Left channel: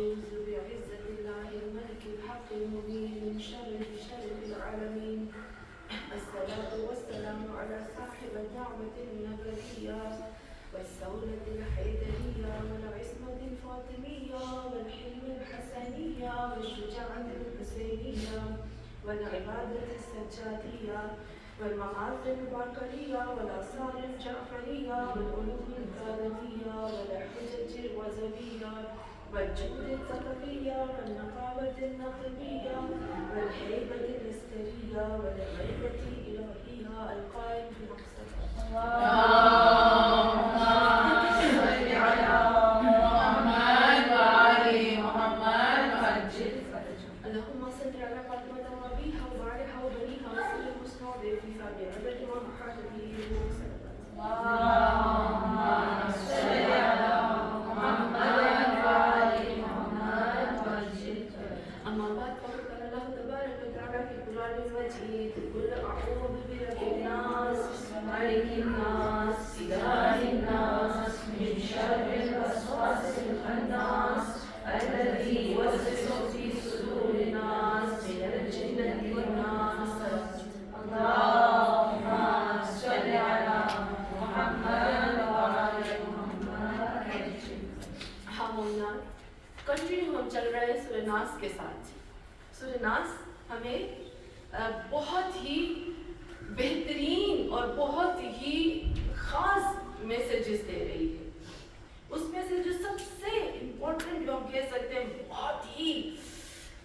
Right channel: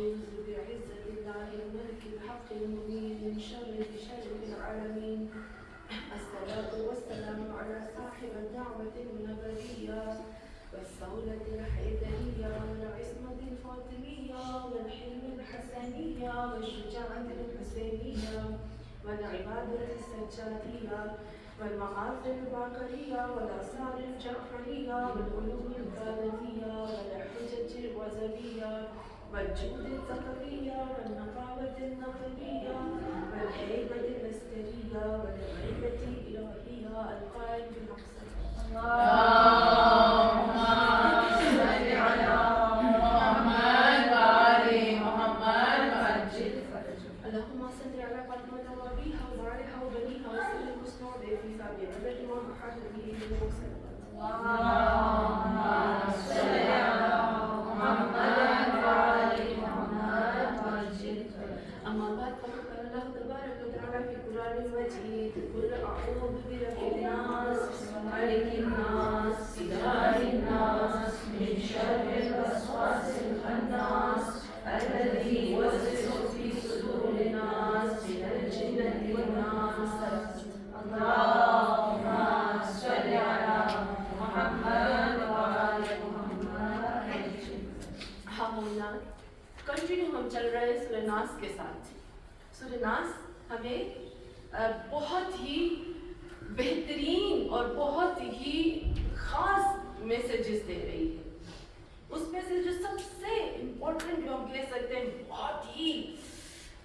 أعوذ بعزة الله الملك الحق المبين من شر العالمين. الصلاة والسلام على صاحب الدعوة النبوية والثورة الحيدرية والعصمة الفاطمية والحلم الحسنية والشجاعة الحسينية والعبادة السجادية والمعاصي الباقرية والآثار الجعفرية والعلوم الكاظمية والحجج الوزبية والجود الثقفية والنقابة النقبية والهيبة العسكرية والغيبة الإلهية القائم بمقصد اللهم صل على محمد وآل محمد وعجل فرجهم. اللهم صل على فاطمة وأبيها وبعلها وبنيها وسلم مسنود في سابع عدد ما محاجة به وسلم. اللهم صل على محمد وآل محمد وعجل. أما بعد فقد قال الله تبارك وتعالى في القرآن المجيد قل أعوذ برب الناس ملك الناس إله الناس من شر الوسواس الخناس الذي يوسوس في صدور الناس من الجنة والناس. اللهم صل على محمد وآل محمد. کنٹینیو ہم چل رہے ہیں سورہ ناس کے ساتھ. سورہ ناس ہمیں بہت ہی بہترین اور بہت ہی خاص میسیجز دے رہی ہے. اس میں سے جو سب سے امپورٹنٹ جو ہم کہہ سکتے ہیں بہت ہی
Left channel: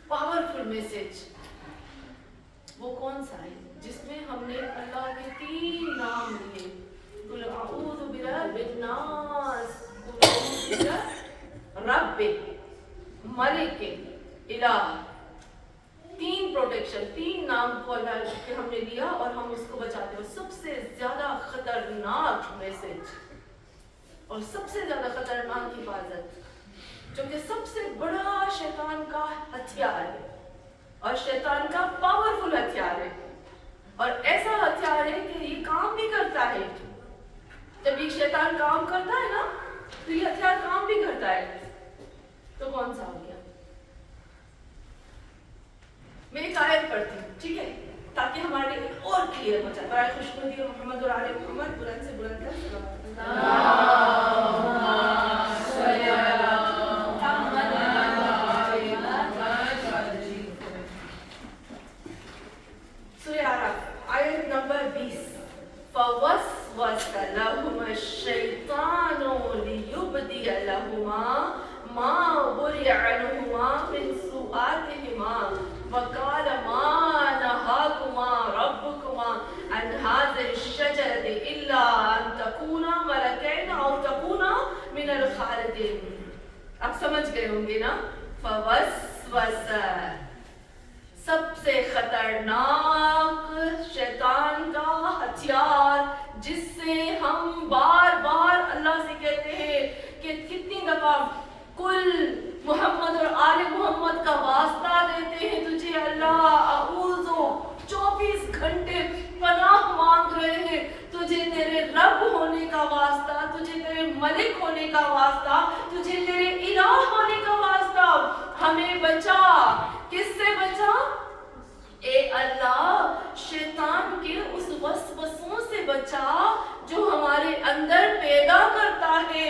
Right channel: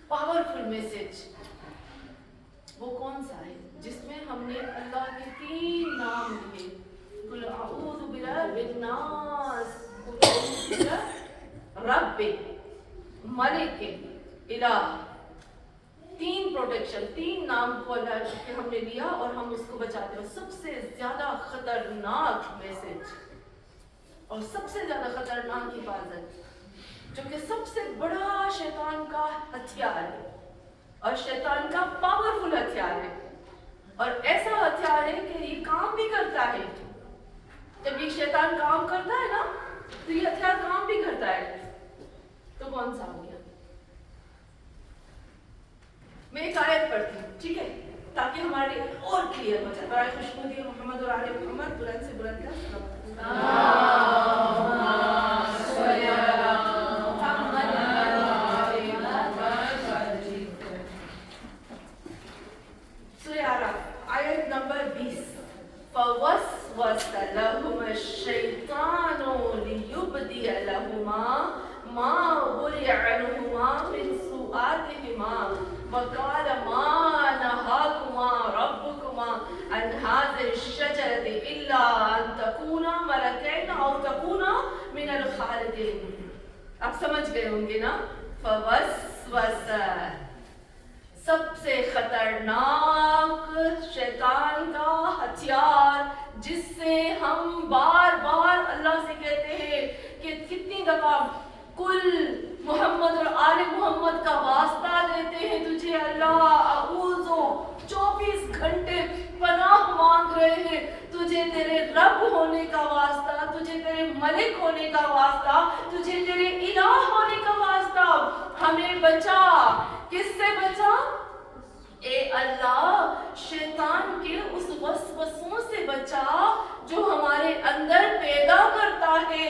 پاورفل میسیج وہ کون سا ہے جس میں ہم نے اللہ کے 3 نام لیے. قل اعوذ برب الناس، قل اعوذ برب ملک الہ. 3 پروٹیکشن، 3 نام کو اللہ کے ہم نے لیا اور ہم اس کو بچاتے ہیں. اور سب سے زیادہ خطرناک میسیج اور سب سے زیادہ خطرناک حفاظت جو کہ سب سے بڑا شیطان کا ہتھیار ہے اور شیطان کا پاورفل ہتھیار ہے اور ایسا ہتھیار ہے کہ یہ کام بھی کرتا ہے. جب یہ شیطان کام کرتا ہے نا تو یہ ہتھیار کام بھی کرتا ہے. تو کون سا ہو گیا؟ میں ایک آیت پڑھتی ہوں، ٹھیک ہے، تاکہ ہمارے لیے اور کلیئر ہو جائے. برائے خوشنودی محمد اور آل محمد بلند سے بلند ہے. سورہ اعراف آیت نمبر 20. فوسوس لهما الشیطان لیبدی لهما ما ورئ عنهما من سوآتهما وقال ما نهاكما ربكما عن هذه الشجرة إلا أن تكونا ملكين أو تكونا من الخالدين. اب سمجھ گئے ہوں گے نا. فوسوس سب سے خطرناک شیطان کا ہتھیار جس سے ہم بار بار اللہ سے کہتے ہیں کہ کتنی دفعہ کل محمد اور آل محمد کا واسطہ دیتے ہیں تجھے اللہ. اعوذ 24 گھنٹے پناہ مانگ رہے ہیں تجھے تیرے رب ہونے کا واسطہ، تجھے تیرے ملک ہونے کا واسطہ، تجھے تیرے الہ ہونے کا واسطہ. ہمیں بچا. کس سے بچا؟ اے اللہ شیطان کے اس وسوسوں سے بچا جو ہمارے اندر پیدا کرتا ہے.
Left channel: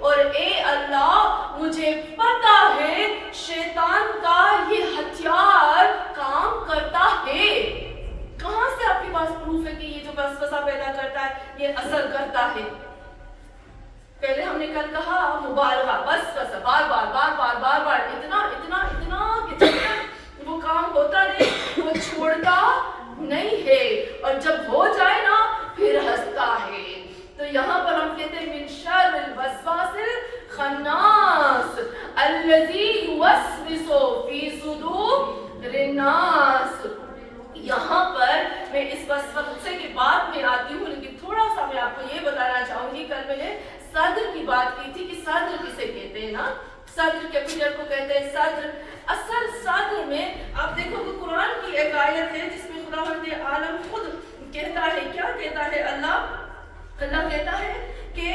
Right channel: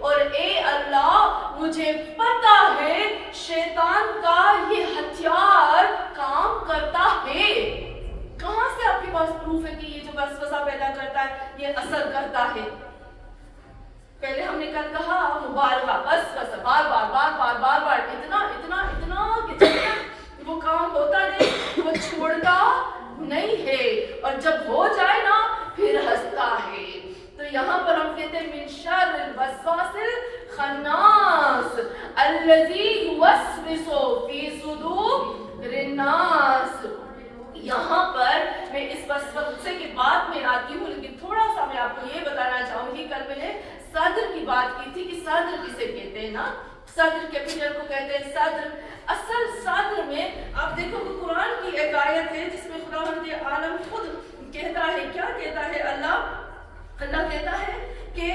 اور اے اللہ مجھے پتا ہے شیطان کا یہ ہتھیار کام کرتا ہے. کہاں سے آپ کے پاس پروف ہے کہ یہ جو وسوسہ پیدا کرتا ہے یہ اثر کرتا ہے؟ پہلے ہم نے کل کہا مبالغہ، بس بار بار بار بار بار بار اتنا اتنا اتنا کہ جب تک وہ کام ہوتا نہیں وہ چھوڑتا نہیں ہے اور جب ہو جائے نا پھر ہنستا ہے. تو یہاں پر ہم کہتے ہیں من شر الوسواس الخناس الذی یوسوس فی صدور الناس. یہاں پر میں اس وسوسے کے بعد میں آتی ہوں، لیکن تھوڑا سا میں آپ کو یہ بتانا چاہوں گی. کل میں نے صدر کی بات کی تھی کہ صدر کسے کہتے ہیں نا، صدر کیپیٹل کو کہتے ہیں صدر. اصل صدر میں آپ دیکھو کہ قرآن کی ایک آیت ہے جس میں خداوند عالم خود کہتا ہے، کیا کہتا ہے؟ اللہ کہتا ہے کہ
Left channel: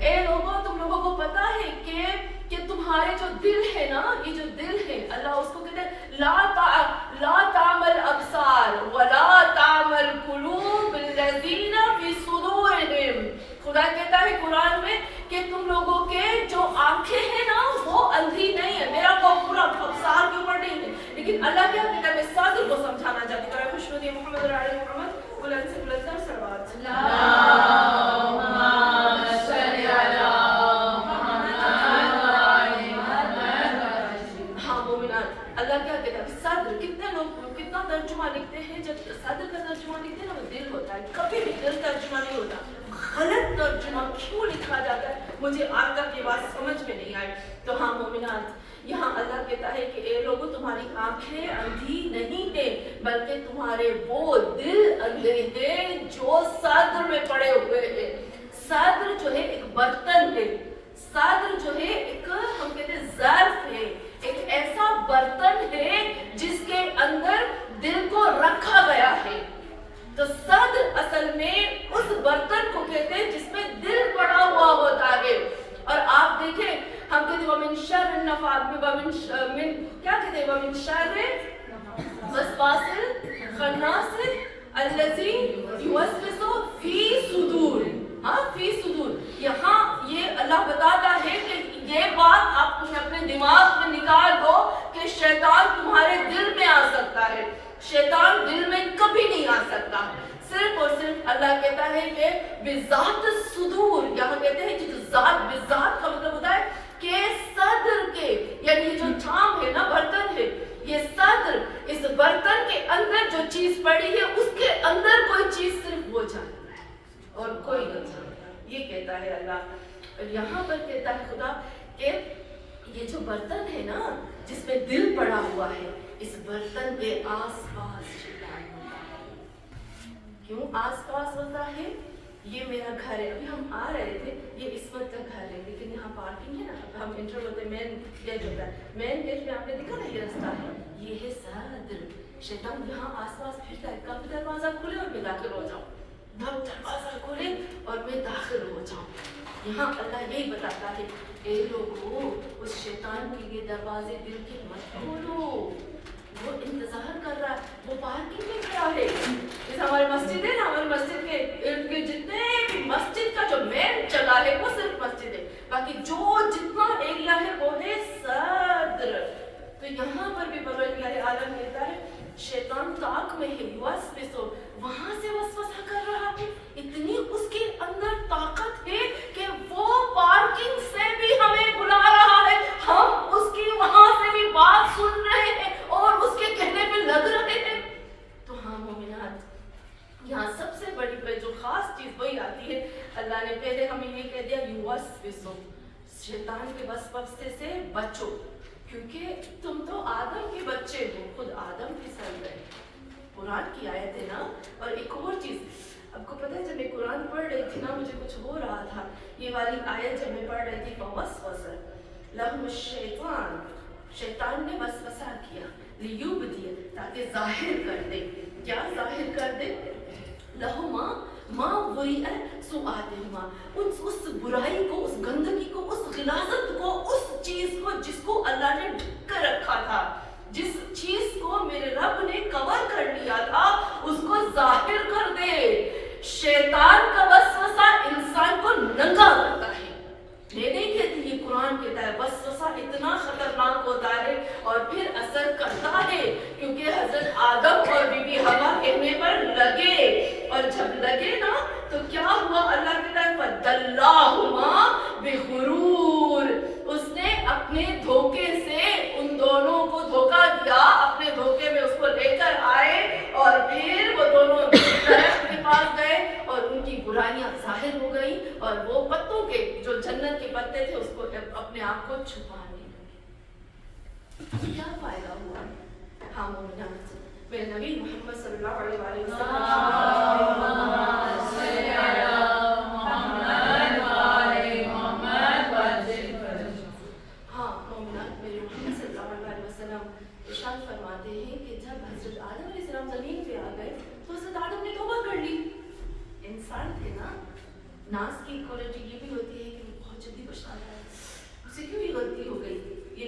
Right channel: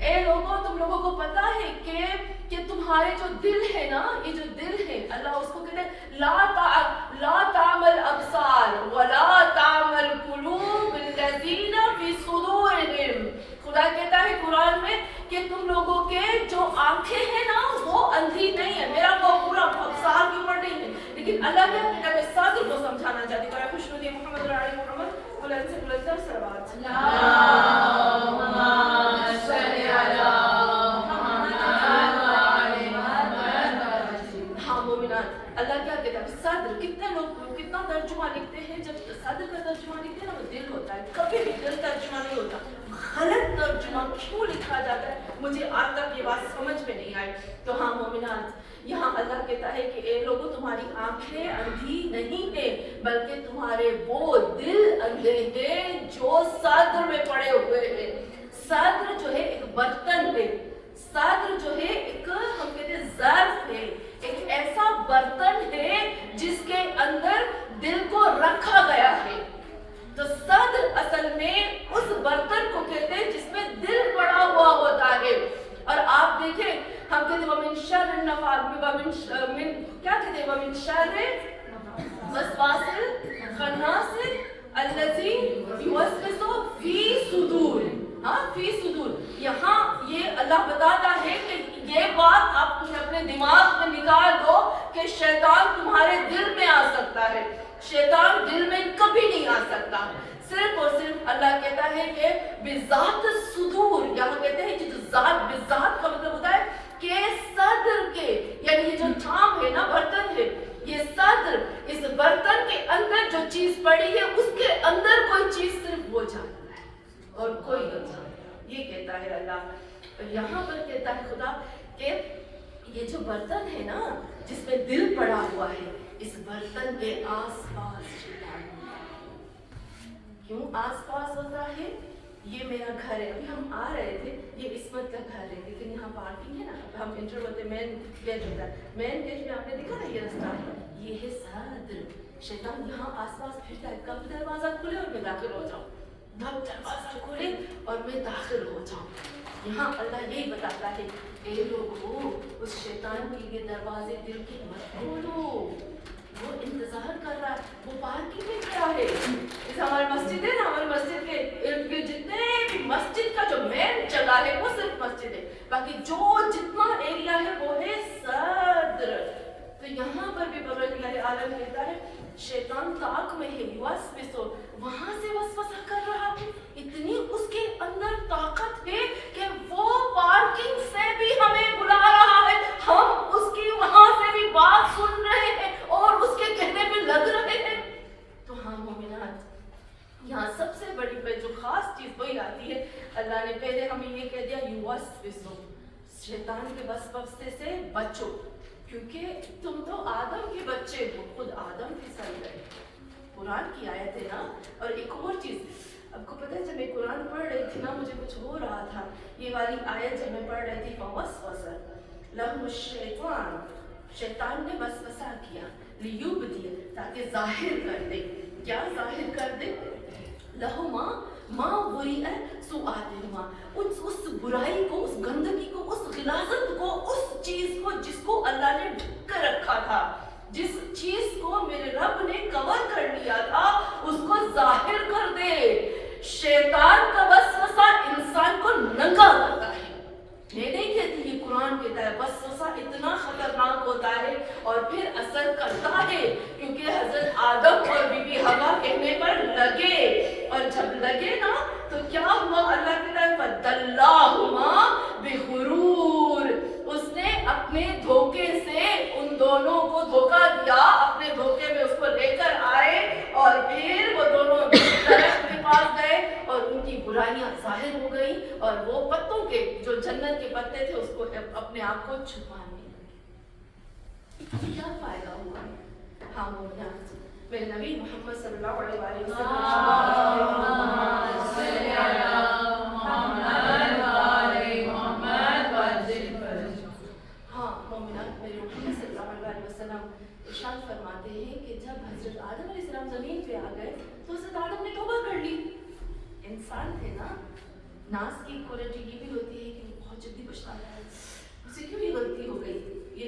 اے لوگوں تم لوگوں کو پتا ہے کہ کہ تمہارے جو دل ہے نا، یہ جو دل ہے اللہ اس کو کہتے ہیں لا تعمل ابصار ولا تعمل قلوب الذین فی صدورہم. خدا کہتا ہے قرآن میں کہ تم لوگوں کے جو آنکھیں ہیں نا وہ اندھی نہیں ہے، میرا وہ پورا ابصار کے اوپر نہیں ہے، لیکن اللہ کیا کہتا ہے صادق کو سمجھانا چاہتی ہے. خوش ندی محمد علی محمد بلند سے بلندر صلوات. اللہ کیا کہتا ہے صدر. کتنے لوگ کتنا ترجمہ لکھتے ہیں، جب صدر کا ترجمہ لکھتے ہیں نا وہ دل ہوتا ہے، کبھی بھی دل ترجمہ نہیں ہوتا. غلط ترجمہ کیوں لکھا جاتا ہے مجھے آج تک یہ بات سمجھ میں نہیں آئی. تو ہاں مومنات، یہاں اللہ کہتا ہے کہ اے لوگوں تمہاری آنکھیں اندھی نہیں ہیں بلکہ تمہارے وہ دل اندھے ہیں جو صدر میں پڑے ہوئے ہیں. صدر جو ہے ایک برتن ہے، صدر جو ہے ایک ہم کہتے ہیں ظرف ہے، ایک ایسا برتن ہے جس کے اندر دل کو رکھا گیا ہے. تو صدر اصل میں اس برتن کو کہتے ہیں جس میں دل پڑا ہوا ہوتا ہے. اور آپ دیکھیں ہم کہتے ہیں ومن شر النفاثات کیا کہتے ہیں ومن شر الوسواس الخناس الذی یوسوس فی صدور. ہاں فی صدور، یہاں یہ اللہ بتاتا ہے کہ یہ بات آپ اپنے دماغ میں نکال دو کہ شیطان تمہارے دل میں آ سکتا ہے. شیطان دل میں کبھی نہیں آ سکتا. صرف اور صرف اللہ کہتا ہے کہ بذات الصدور، یہاں کہتے ہیں کہ جو ذات بذات کا مطلب ہوتا ہے کہ صدر کے، یعنی جو ٹھام ہے نا برتن ہے، یہ صدر، اس برتن کے اندر جو چیز پڑی ہے اس کے اندر کوئی چیز صرف وہ جانتا ہے اور کوئی نہیں جانتا. یہ کہتا ہے اللہ. اور یہاں پر کہتا ہے خدا کہ یہ جو برتن ہے نا جس میں دل پڑا ہوا ہے، اس برتن کے آس پاس شیطان ہوتا ہے. کیوں آس پاس ہوتا ہے؟ یہ میرا گھر ہے. ابھی ہم آ رہے تھے، یہ عصمت کا گھر ہے لیکن یہاں پارکنگ ہے نا، اب ہم انٹر ہوتے مین گیٹ ہوتا ہے، مین گیٹ میں آپ نے دیکھا نا یہ رستہ ہے، یہ ہے صدر. شیطان یہاں آس پاس پھرتا ہے، کب دروازہ کھلے اور میں داخل ہو جاؤں، جب دروازہ کھولے اور میں داخل ہو جاؤں. یہاں اللہ یہی بتاتا ہے اے لوگو اس شیطان کے لیے دروازے دل کے مت کھولو. وہ انتظار کر رہا ہے، وہ پارکنگ میں کھڑا ہے. جیسے ہماری مسجد ہے نا، ہماری مسجد کے ارد گرد جتنے بھی مسجد کا جو مین جگہ ہے وہ صرف مسجد ہے، باقی جو جتنا ایریا ہے وہ ہے صدر. تو یہاں پر بھی پروردگار عالم کہتا ہے شیطان طاق میں ہے، یوسوس، وہاں سے وسوسہ کر رہا ہے. اتنی اس کے اندر طاقت ہے کہ وہ پارکنگ سے بھی ہمیں بلا رہا ہے، ہم اس کی وہاں سے بھی بات سن رہے ہیں اور اس کے کہنے پہ لگ رہے ہیں. تو ہاں مومنات، یہاں سب سے بڑی جو خاص چیز وہی آتی ہے. اللہ نے پہلے ہمیں یہ کہہ دیا یوسوس، شیطان کے وسوسے سے بچو، کیونکہ تم تو آدم کے بچے ہو، خود آدم کے سر گئے. قرآن کی آیت ہے نا. اور ایک اور چیز آپ کو پتہ ہے، جب میں قرآن پڑھ رہی تھی نا مجھے کچھ ہو رہا تھا. یہ والی آیت جب میں پڑھ رہی تھی فوسوس لہم الشیطان، شیطان نے وسوسہ کیا، لیبدی، تاکہ ظاہر کر دے. کیا ظاہر کر دے؟ لہما ما وریء سوءاتہما، اس برائی کو، اس گندگی کو، اس غلاظت کو، اس چیز کو جس کو اللہ نے ڈھک کر رکھا تھا، جس چیز کو میرے رب نے کور کر لیا تھا اس کو ظاہر کر دے. شیطان کا وسوسہ انسان کو ننگا کرتا ہے. میں نہیں کہتی، یہ قرآن کہتا ہے. وسوسہ اتنا خطرناک ہوتا ہے اور پھر اثر کرتا ہے، کیونکہ حضرت آدم اور بی بی حوا کہنے پر لگے، اور جب لگے نا تو کیا ہوا؟ اللہ کہتا ہے فَدَلَّاهُمَا بِغُرُورٍ، اس نے اپنے دھوکے سے ان دونوں کو دھوکا دیا، اپنے دھوکے میں اس کو لے کر آئے اور پھر وہ دونوں درخت کے پاس گئے اور ان کی برائیاں ظاہر ہو گئیں اور وہ پتوں کے جو جنت کے پتے تھے اس کو اپنے آپ کو چھپانے لگے. کیا فائدہ ہوا؟ ہاں مومنات، میرے نبی محمد صلی اللہ علیہ وسلم ارشاد فرماتے ہیں کہ جب حضرت آدم علیہ السلام زمین پہ آ گئے تو حضرت آدم نے توبہ کر لی. انسان تھے نا، ناس کی کوالٹی یہ بھی ہوتی ہے کہ وہ بہت جلدی پچھتاتا ہے. اسے کیوں یہ غلطی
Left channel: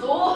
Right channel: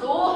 2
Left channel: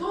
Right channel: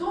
2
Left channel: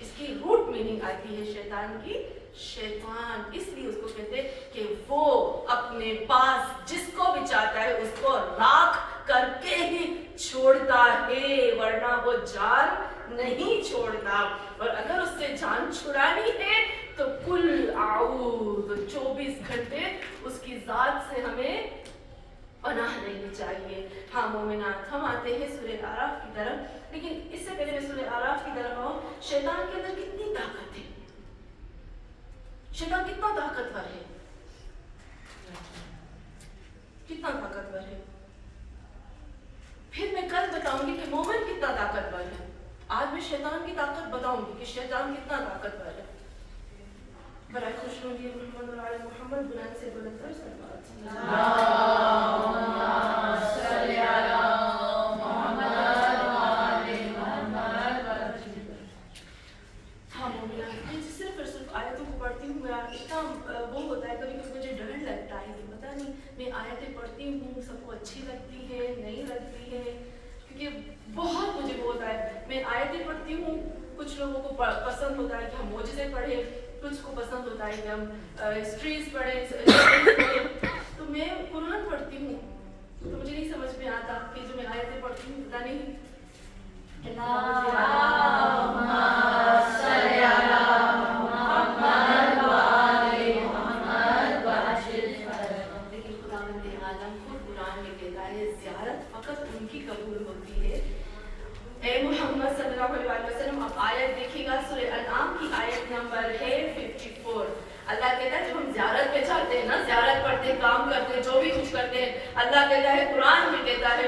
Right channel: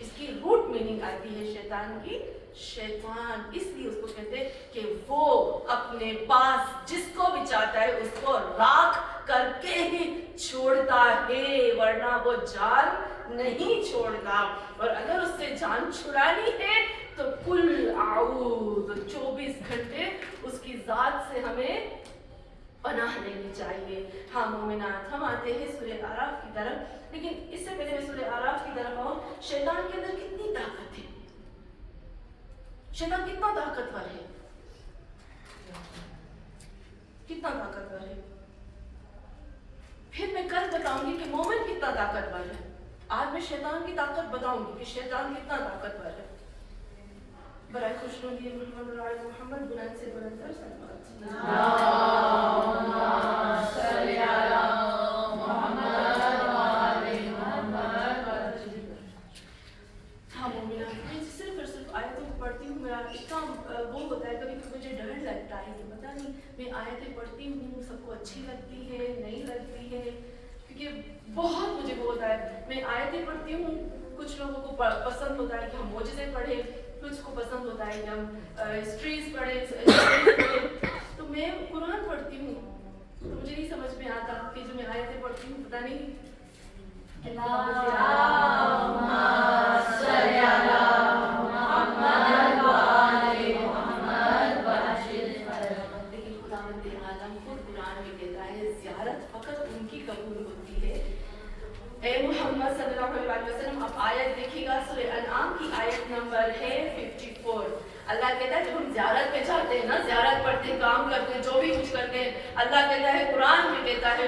اس کی روٹ میننگ آتی ہے شیطان کی، شیطان اس لیے اس کو کہتے ہیں کہ وہ اپنے پاس جس کو بھی چاہتا ہے اس کو راکھ کر کے ہی چھوڑتا ہے، ورنہ وہ جان نہیں چھوڑتا. اور اگر اس سے جان چھڑانی ہے تو کل اعوذ 24 گھنٹے اس کی ذات سے ہمیں پناہ لینی چاہیے. ہاں مومنات، ہم آتے ہیں سورہ اعراف کی طرف، لیکن اس سے پہلے میں سورہ اعراف کی طرف آؤں. شیطان کے اندر کتنی طاقت ہے، شیطان کتنا طاقتور ہے، کتنا طاقتور ہے. پھر میں کل بتاؤں گی کہ مومن کتنا طاقتور ہے. آج میں شیطان کی طاقت بتاؤں گی کہ شیطان کتنا طاقتور ہے. برائے خوش نودی محمد اور آل محمد بلند سے بلند تر سلوات. ہاں مومنات، میں صرف آیتوں کو پڑھتی ہوں، میرا اتنا وہ ہوتا ہے کبھی کبھی مجھے ڈر لگتا ہے کہ پتہ نہیں میں آیتیں پڑھتی ہوں سب کو اچھی لگتی ہے نہیں لگتی ہے، کیونکہ بہت مجھے وہ ہوتا ہے. میں آیتیں پڑھتی ہوں، کچھ لوگوں کو پسند ہوتا ہے کہ ہم معجزے پڑھیں، کچھ کو پسند ہوتا ہے کہ ہم ہسٹریز پڑھیں. تو میں قرآن پڑھتی ہوں تو مجھے نہیں سمجھ میں آتا کہ جو میں آیتیں پڑھتی ہوں پتہ نہیں زیارت فقط ان کی قبول ہوتی ہے. اے محمد صلی اللہ علیہ وسلم، اب آیت دیکھیے گا، سورہ انعام کی آیت نمبر ہے 54. اللہ کہتا ہے جب ہم زیارت پہ جاتے ہیں نا، زیارت پڑھتے ہیں، کام کرتے ہیں، جو بھی کچھ کرتے ہیں، اللہ کہتا ہے، قرآن میں کہتا ہے،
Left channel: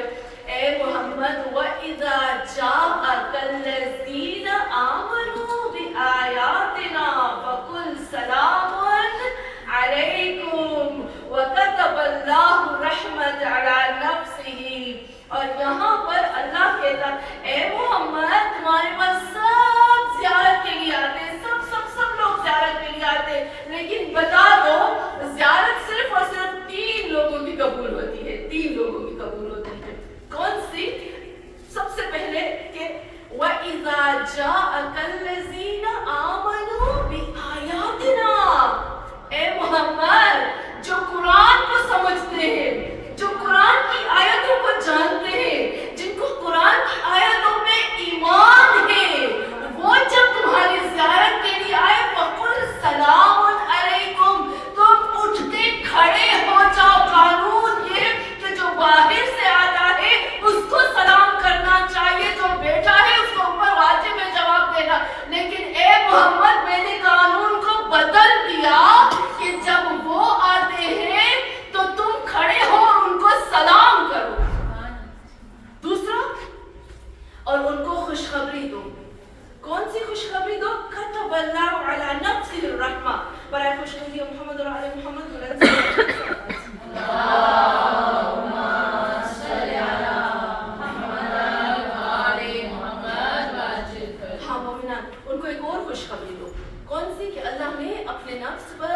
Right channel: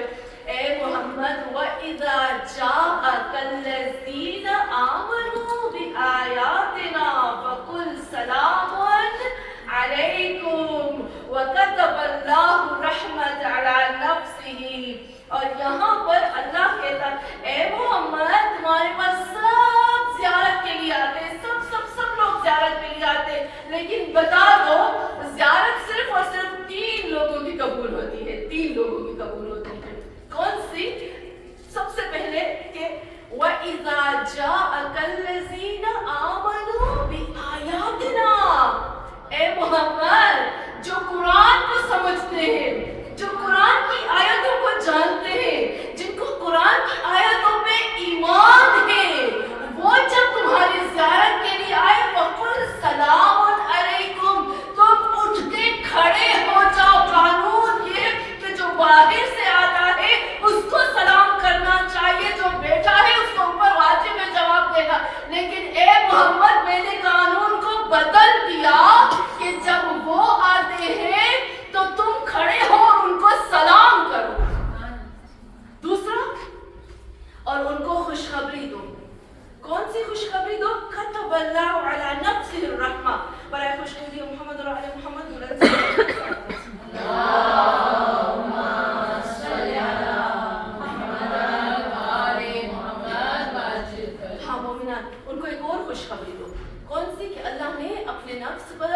اے محمد وَإِذَا جَاءَكَ الَّذِينَ آمَنُوا بِآيَاتِنَا فَقُلْ سَلَامٌ علیکم وَكَتَبَ اللَّهُ رَحْمَةً عَلَى نَفْسِهِ. اور یہاں پر اللہ کہتا اے محمد تمہارے پاس سب زیارت کے لیے آتے ہیں، سب لوگ زیارت کے لیے آتے ہیں، لیکن بتا دو زیارت صرف اور صرف 3 لوگوں کی قبول ہوتی ہے. 3 لوگوں کی قبول ہوتی ہے. کون سی؟ سب سے پہلے کہ وَإِذَا جَاءَكَ الَّذِينَ آمَنُوا بِآيَاتِنَا. اے محمد جو قرآن کو سمجھتے ہیں، جو قرآن کی آیتوں کو جانتے ہیں، جن کو قرآن کی آیتوں پہ ایمان ہے، وہ جب تمہاری زیارت کے لیے آئے فَقُلْ سَلَامٌ عَلَيْكُمْ، تم اٹھ کے کھڑے ہو جاؤ. قانون یہ کہ جو باہر سے آتا ہے اس کو سلام کرنا چاہیے، جو بیٹھا ہے اس کو اوپر واجب ہے جواب دینا. لیکن اے محمد میں نے قانون کو بدل دیا کہ جب وہ آتے ہیں تو تم کھڑے ہو اور ان کو سلام کرو. دوسرا، اور ان کو خوشخبری دو. کون سی خوشخبری دو؟ کتب اللہ علی نفسہ الرحمہ. برائے خوشخبری محمد اور آل محمد. ہاں مومنان، ان کو ایک اور خوشخبری دو. کون سی؟ کہ اللہ نے اپنے نفس پر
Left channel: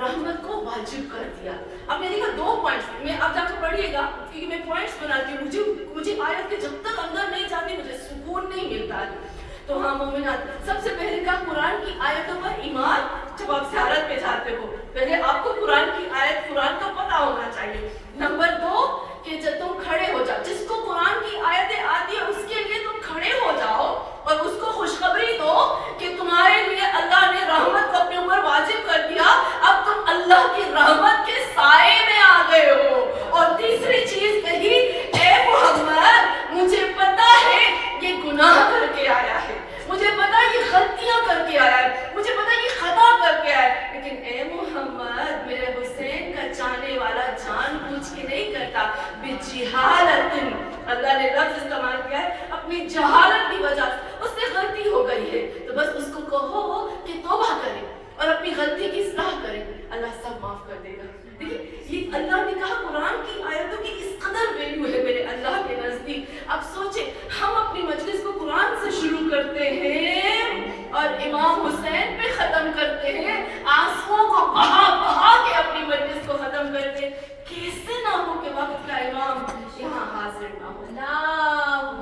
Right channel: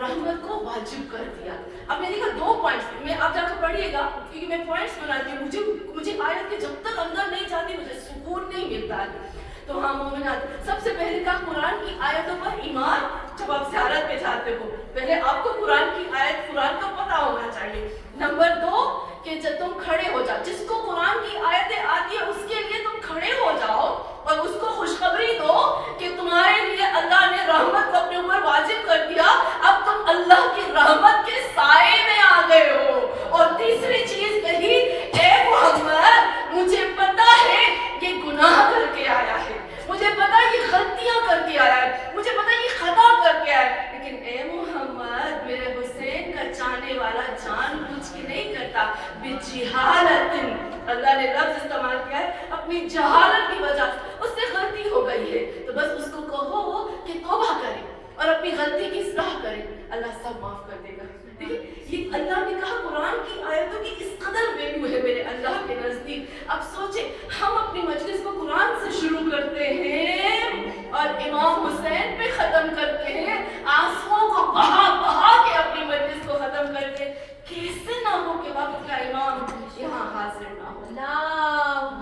رحمت کو واجب کر دیا. اب نے دیکھا 2 پوائنٹس، میں اب جا کر پڑھیے گا کیونکہ میں پوائنٹس بناتی ہوں. مجھے آیت کے جب تک اندر نہیں جاتی مجھے سکون نہیں ملتا. تو ہاں مومنات، سب سے پہلے کہا قرآن کی آیتوں پر ایمان. جب آپ زیارت پہ جاتے ہو پہلے آپ کو قرآن کی آیت، قرآن کا پتہ ہونا چاہیے. نمبر 2 کہ جب تم کھڑے ہو جاؤ، جس کو قرآن کی آیتیں آتی ہیں اس کے لیے تم کھڑے ہو جاؤ اور اس کو خوشخبری دو کہ تمہارے لیے اللہ نے رحمت کو اپنے اوپر واجب کر دیا، اب تم اللہ کی رحمت کے سائے میں آ گئے ہو. اور تیسری چیز کہی، اے محمد مجھے پتا ہے یہ گناہ کر کے آیا ہے، مجھے پتا یہ غلطیاں کر کے آیا ہے، مجھے پتا یہ خطا کر کے آیا ہے، لیکن اے محمد میرے حسین کا چاہنے والا جان بوجھ کے نہیں کرتا، بجہالت. اللہ نے لفظ استعمال کیا ہے اپنی جہالت کی وجہ سے، اس سے غلطی ہو گئی ہے تو بس اس کو کہو کہ توبہ کرے اور اپنی غلطی کی اصلاح کرے، اللہ سب معاف کر دے گا. یہ اللہ نے کہا قرآن کی آیتوں کی اس قدر ویلیو ہے میرے اللہ کے نزدیک. اب سوچیں ہم اپنی مجلس کو قرآن سے شروع کرتے ہیں اور امام حسین پہ ختم کرتے ہیں، آنسوؤں کو بہا کے اپنی مجلس کو ختم کرتے ہیں. کیسے نہ ہو کہ وقت کا امام یہاں حاضر نہ ہو. اللہم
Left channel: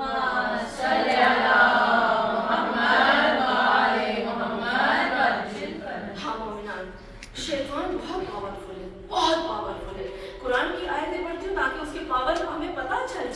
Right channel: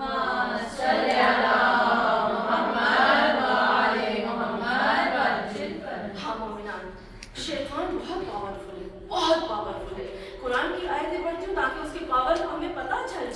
صلی علی محمد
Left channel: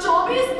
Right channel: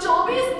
24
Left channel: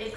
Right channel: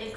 1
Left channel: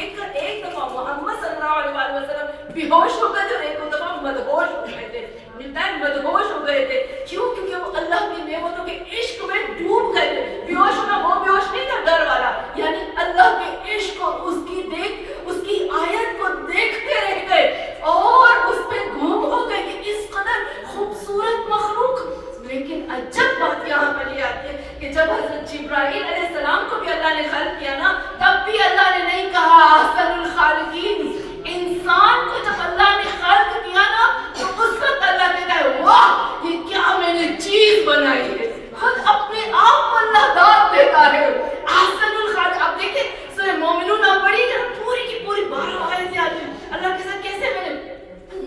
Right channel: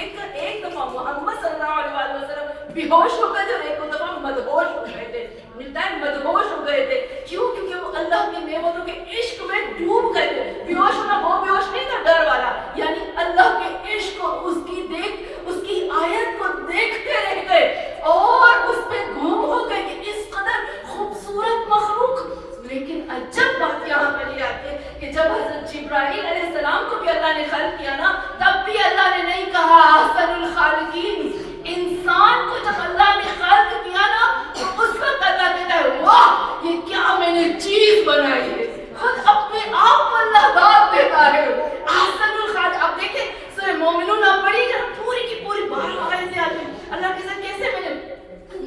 دیکھ کر ایک دفعہ محمد صلی اللہ علیہ وسلم بے ہوش ہو گئے تھے اور ایک دفعہ مدہوش ہو گئے تھے. ملتا ہے مدہوش ہو گئے تھے. کیوں؟ کیونکہ وہ اللہ کی نعمتوں کے عشق میں ڈوب گئے تھے. بے ہوش ہونا وہ بے ہوش نہیں تھا ڈر والا, یعنی اللہ کے عشق کو, اس کی آیت کو دیکھتے رہ گئے اور اس پہ گم ہو گئے کہ اس قدر خوبصورت مخلوق. لیکن عجب بات یہاں پہ یہ آتی ہے کہ جب حضرت جبرائیل علیہ السلام کو بھی اللہ نے خلق کیا نا, تب بھی اللہ نے نہیں کہا احسن الخالقین. انسان کو جب اللہ نے خلق کیا نا, تو اس وقت اللہ کہتا ہے واہ یہ کیا میں نے چیز بنائی ہے. خود اپنے آپ کو اللہ داد دیتا ہے احسن الخالق. اب دیکھیں سورہ مومنون آپ پڑھی جب پوری کی پوری 12 آیتیں آتی ہیں, اللہ کے ساتھ کیسے میں نے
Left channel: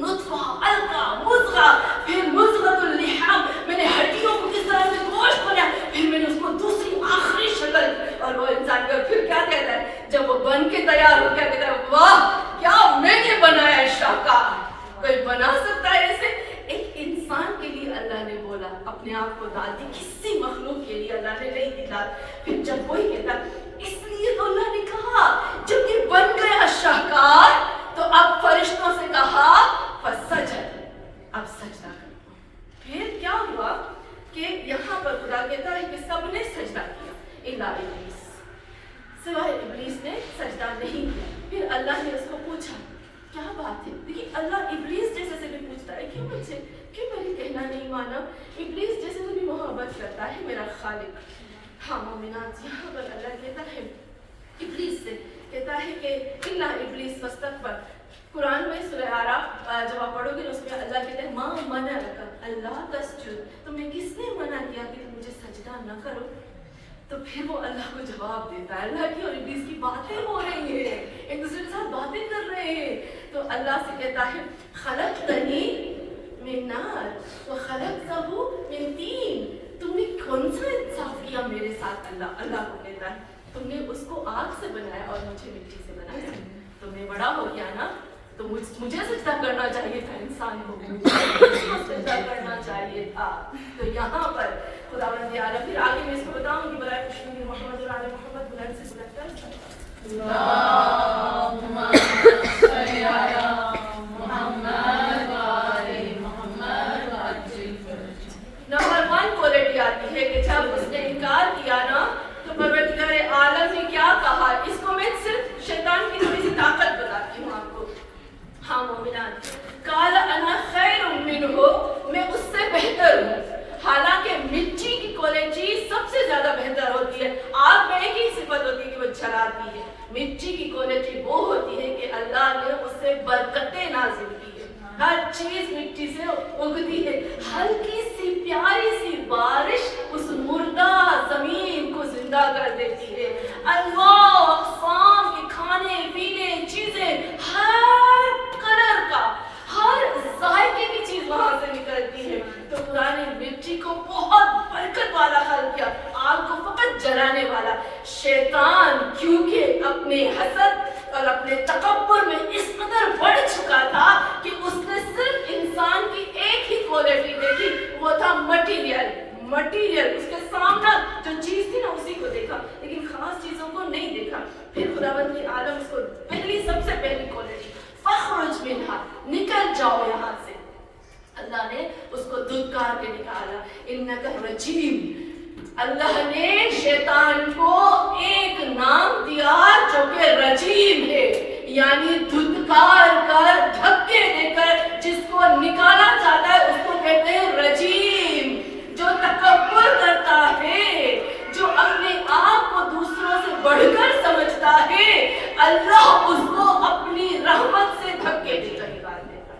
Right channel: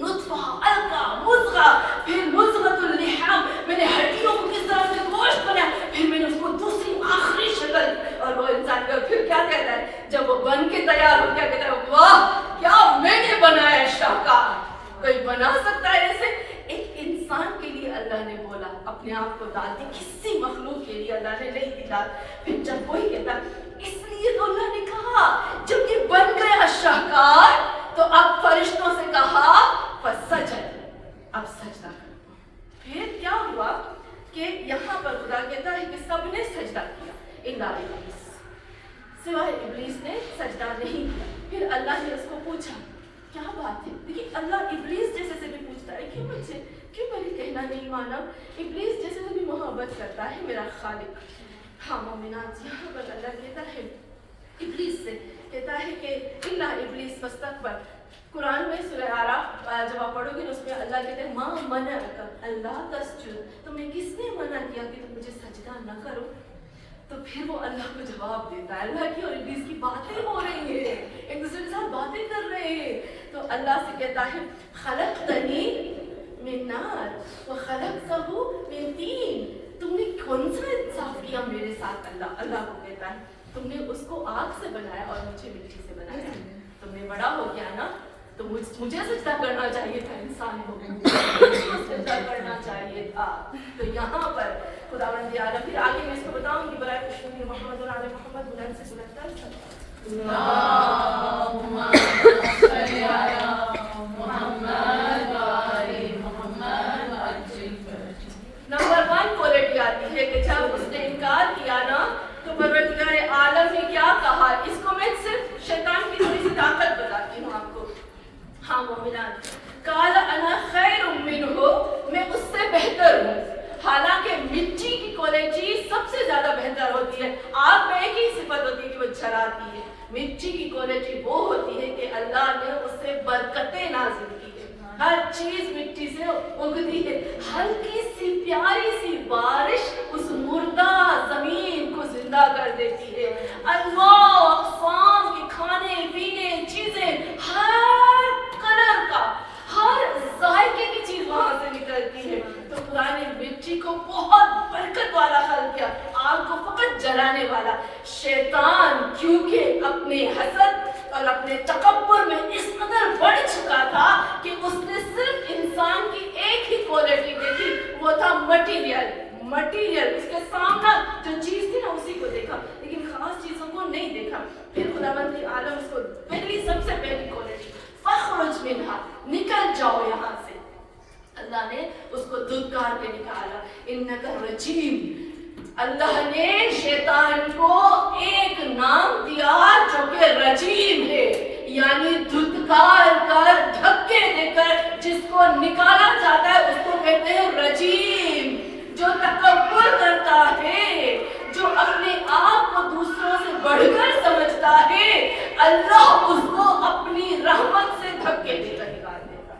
نطفہ, علقہ, مضغہ, پھر مضغۃ اللحم, میں نے ہڈیوں کو کس طرح سے گوشت بنایا, پھر میں نے اس کو دوسری آخری شکل, اور وہ انسان کا پھر کیا کہتا ہے جب وہ بن کے تیار ہو کیا کہتا ہے واہ کیا میں نے بنایا ہے شاہکار. کوئی بنا سکتا ہے ایسے؟ ایک انسان کے لیے اللہ نے بولا, اپنے آپ کو داد دی, کسی مخلوق کے لیے اللہ نے نہیں دی داد. پھر جب وہی کہتا اس لیے تو اللہ نے کہا جب یہ بن گیا شاہکار تو اب فرشتوں سے کہا فسجد, اب سجدہ کرو. پھر کیا ہوا کہ یہاں پر خدا کہتا ہے کہ سب نے سجدہ کیا الا ابلیس, سوائے ابلیس نے سجدہ نہیں کیا. پھر اللہ نے اس کو پوچھا کیا بات ہے. دیکھیے اللہ ابلیس جیسے سے بھی پوچھتا ہے کیوں مجھ سے, کیوں میری کہنا نہیں مانا. ابلیس جیسے سے بھی محبت کرتا ہے میرا خالق. ہاں مومنات, یہاں پر اللہ کہتا ہے ابلیس سے, کہتا ہے کہ الا ابلیس فاستکبر. قرآن میں سورہ اعراف جب آپ پڑھو گے اس میں اللہ کہتے ہیں ماں منعک اللہ تسجد, تمہیں کس نے منع کیا کہ تم مجھے سجدہ نہ کرو. تو پھر وہ اللہ کو جواب دیتا ہے. اللہ کی اور ابلیس کی باتیں ہو رہی ہیں, ایک دوسرے کے ساتھ باتیں کر رہے ہیں. تو اللہ سے کہتا ہے خلقتنی من نار وخلقتہ من طین, تم نے کون سا انصاف کیا میرے ساتھ. اللہ کو کہتا ہے تم نے اس کو آگ سے بنایا اور مجھے مٹی سے بنایا. تم نے بڑا ہو گیا نا تو مجھے سجدہ کرنا چاہیے تھا, انسان کو سجدہ کرنا چاہیے تھا. تو یہاں پر خداوند عالم, پھر آگے میں اس کو بتاؤں کہ برائے خوشنودی محمد اور آل محمد بلند سے بلند کر اللہم صلی علی محمد و آل محمد وعجل فرجہ. نمبر 1 کوالٹی آتی ہے کہ جب اس نے انکار کیا نا تو پروردگار عالم نے کیا کہا. اس کو میں صرف شیطان کی تھوڑی سی طاقت بتاتی ہوں آپ کو. ہاں مومنات, قال انا خیر منہ, میں اس سے بہتر ہوں. حالانکہ مٹی کی کوالٹی سب سے زیادہ بہتر ہوتی ہے. آگ میں ایک ہی صفت ہوتی ہے کہ وہ جلاتی ہے. مٹی کی کوالٹی وہ ہوتی ہے کہ اللہ نے اس سے برکتیں نازل کی ہے. ہر چیز مٹی سے اگتی ہے. ہلکی سی پیاری سی بارش اس مردہ زمین کو زندہ کر دیتی ہے. انواع اقسام کے کھانے پینے چیزیں, ہر کلر کا, ہر ذائقے کی چیز وہاں سے نکلتی ہے. تو خدا نے مٹی کو بہت برکت والا خلق کیا, آگ کو فقط جلانے والا. شیطان کیونکہ اپنے حسد اور اپنے تکبر میں اس قدر بڑھ چکا تھا کہ اس نے صرف انسان کی ایک ہی کوالٹی دیکھی, وہ تھا مٹیریل. اس کے سامنے جو چیز تھی نا اسی کو دیکھا, لیکن خاص چیزوں کو نہیں دیکھا. پھر خداوند عالم اس کو سب سے پہلی کوالٹی فخرج منہا, نکل جاؤ یہاں سے. اللہ نے اس کو دھتکار کے نکالا. انک رجیم, اللہ نے شیطان کو ایک نام دیا جو کہ رجیم ہے, یعنی دھتکار کر, دھکے دے کر جس کو نکالا جاتا ہے اس کو کہتے ہیں رجیم. جو تکبر کرتا ہے, جو اپنے آپ کو دوسروں سے بڑھ کر سمجھتا ہے, اللہ اس کو اپنی رحمت سے دھکے دے کر نکال دیتا ہے.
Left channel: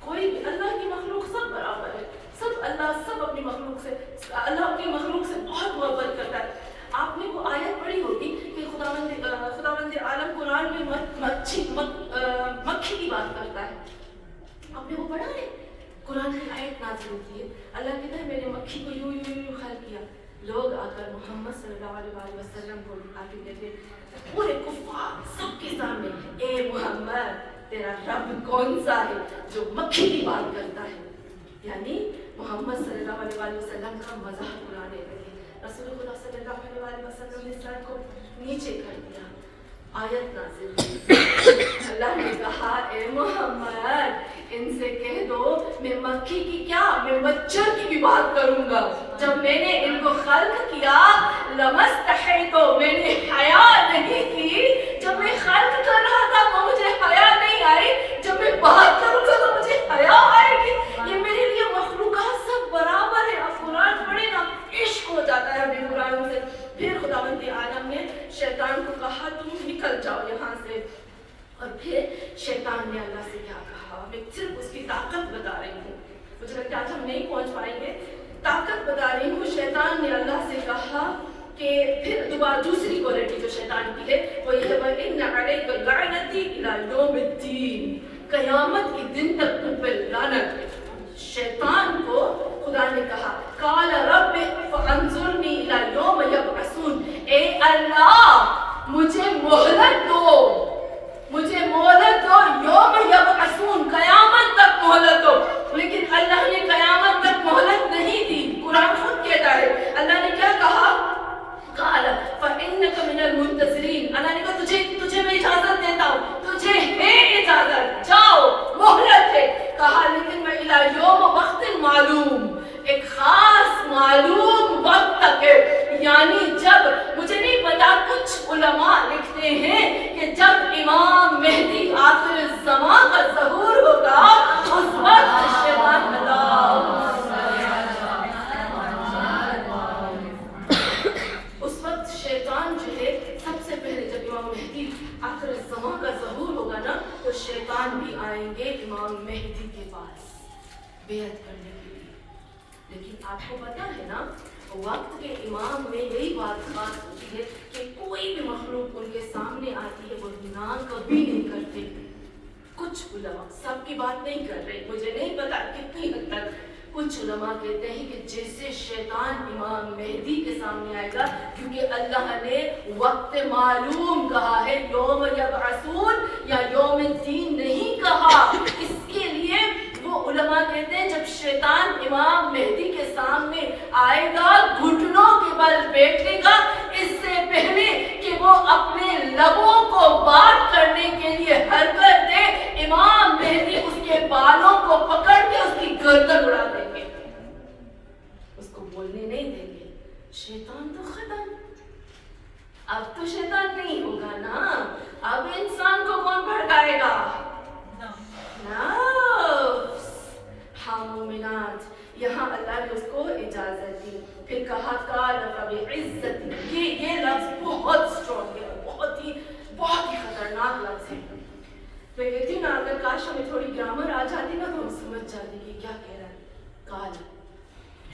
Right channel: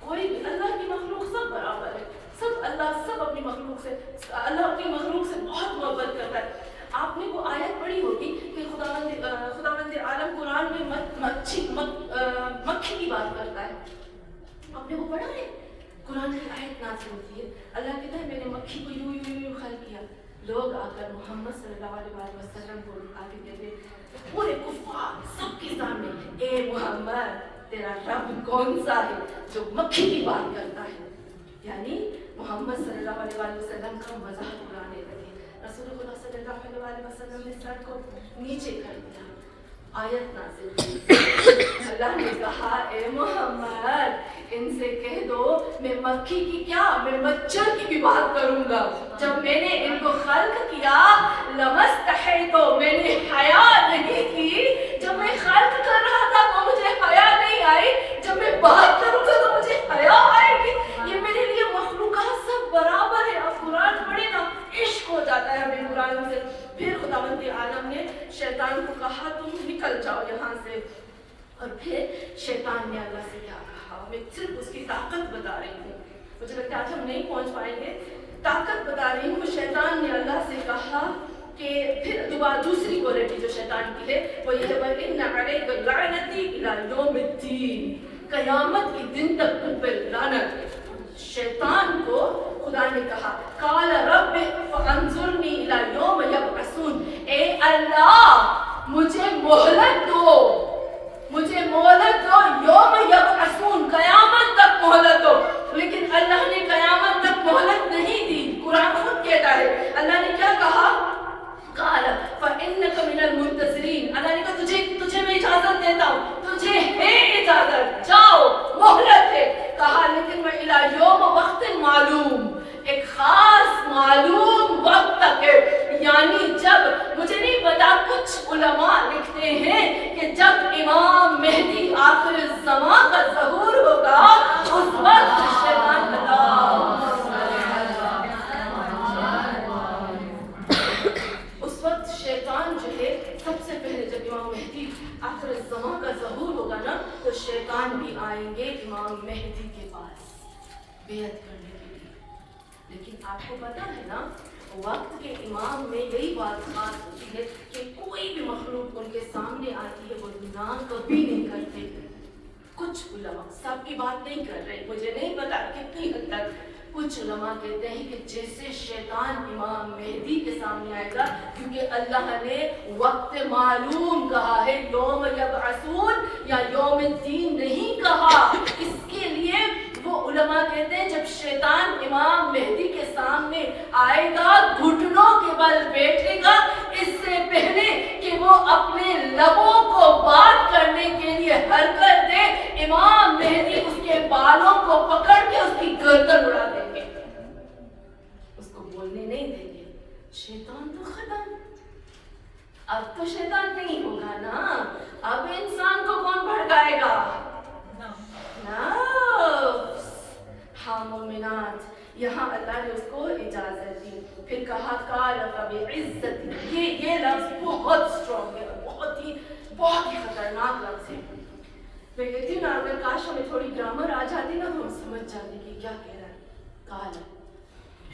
کوئی بھی, اللہ کی مخلوق سب برابر ہے, سب اپنی مخلوق سے, اللہ اپنی مخلوق سے بہت محبت کرتا ہے. آپ نے وہ آیت پڑھی ہوگی کہ خداوند عالم قرآن میں مکھی کی بات کرتا ہے. آپ نے وہ پڑھا ہے؟ قرآن کی آیت نازل ہوتی ہے, اللہ کہتا ہے میں نے مکھی کو یوں خلق کیا. لوگ آ کر محمد صلی اللہ علیہ وسلم کو آ کے کہتے پورے کفار سب کے سامنے, اے محمد تیرا رب کون سا ہے جو مکھی کی بات کرتا ہے. یعنی محمد صلی اللہ علیہ وسلم کا مذاق اڑانے لگے. رسول خدا صلی اللہ علیہ وسلم نے سر کو نیچے کر دیا آیت نازل ہوئی. اللہ نے کہا اے محمد ان سے کہہ دو میں مکھی کی کیا میں مچھر کی بھی بات کروں گا. جب میں نے ان کو خلق کیا لمستحیت میں نے حیا نہیں کی. جب میں خلق کر رہا تھا تو مجھے حیا نہیں آئی. جب میں بات کروں گا تو مجھے حیا آئے گی. یہ میرے لیے مخلوقات سب برابر ہے. آپ قرآن پڑھے نا عشق ہو جاتا ہے ہمیں قرآن سے. پھر خداوند عالم نے شیطان کو کہا تم نکل جاؤ یہاں سے. اور پھر شیطان نے اللہ سے کیا کہا. میں صرف اس کی طاقت بتا رہی ہوں, مجھے لگتا ہے آج ہم نہیں پہنچ پائیں گے. طاقت بتا رہی ہوں. شیطان نے اللہ سے کہا کہ پھر دوبارہ دوسری کوالٹی جو شیطان کی ہے وہ یہ ہے وَإِنَّ عَلَيْكَ لَعْنَتِي إِلَى يَوْمِ الدِّينِ, قیامت کے دن تک تم پہ لعنت ہے. شیطان کو خدا نے کہا قال رب فانظرنی الی یوم یبعثون, اے اللہ مجھے مہلت دو, مجھے مہلت دو یوم یبعثون, قیامت تک مہلت دو. لیکن اللہ نے قیامت تک مہلت نہیں دی. قرآن خود کہتا ہے اللہ نے کیا کہا قال فإنك من المنتظرین. اللہ نے کہا تجھے میں اجازت دیتا ہوں, تجھے ہے اجازت, جاؤ مہلت ہے. کہا لیکن میں الی یوم وقت معلوم, ایک خاص معلوم وقت تک ہے. یعنی جب مجھے نہیں پتا, کچھ علماء لکھتے ہیں کہ جب امام مہدی آخر الزمان کا ظہور ہوگا اس وقت شیطان اس وقت شیطان جو ہے سب سے پہلے جب امام مہدی آخر الزمان کا ظہور ہوگا نا تو شیطان بھی آئیں گے امام مہدی کے پاس بیعت کرنے کے لیے. لیکن آپ کو پتا ہے نا وقت کے امام میں یہی بات خاص ہوتی ہے کہ کوئی بھی مخلوق ان کے سامنے آتی ہے وہ گناہ کبھی نہیں کرتے. کچھ علماء, سب کی بات نہیں کر رہے, مجھے نہیں پتا کتنی حد تک, کچھ علماء کہتے ہیں کہ جیسے شیطان امام مہدی کے سامنے آئے گا, کیونکہ اللہ نے وقت معلوم کہا ہے, یوم یبعثون یا یوم الدین نہیں کہا. اس کے لیے وہ علماء کہتے ہیں جب شیطان امام مہدی کے سامنے آئے گا گھٹنوں کے بل بیٹھے گا, اس سے پہلے کہ وہ اپنے لبوں کو بات کرنے کے لیے حرکت دے, امام مہدی اس کے بالوں کو پکڑ کے اس کی گردن اڑا دیں گے, اس کو بولنے نہیں دیں گے. شیطان تو ختم. اب تو شیطان نہیں ہوگا نا, اب انسان کو کون بھڑکائے گا؟ ہاں مومنات, یہاں اللہ نے اس کو اجازت دی. پھر کہا قال فبعزتی, یہ لفظ بہت اسٹرانگ ہے, بہت ہی خطرناک لفظ ہے. میں کہتی ہوں نا اگر کاش ہمیں تھوڑی گرامر آ جاتی نا تو ہم سمجھ جاتے کہ کیا کہہ رہا ہے. قال,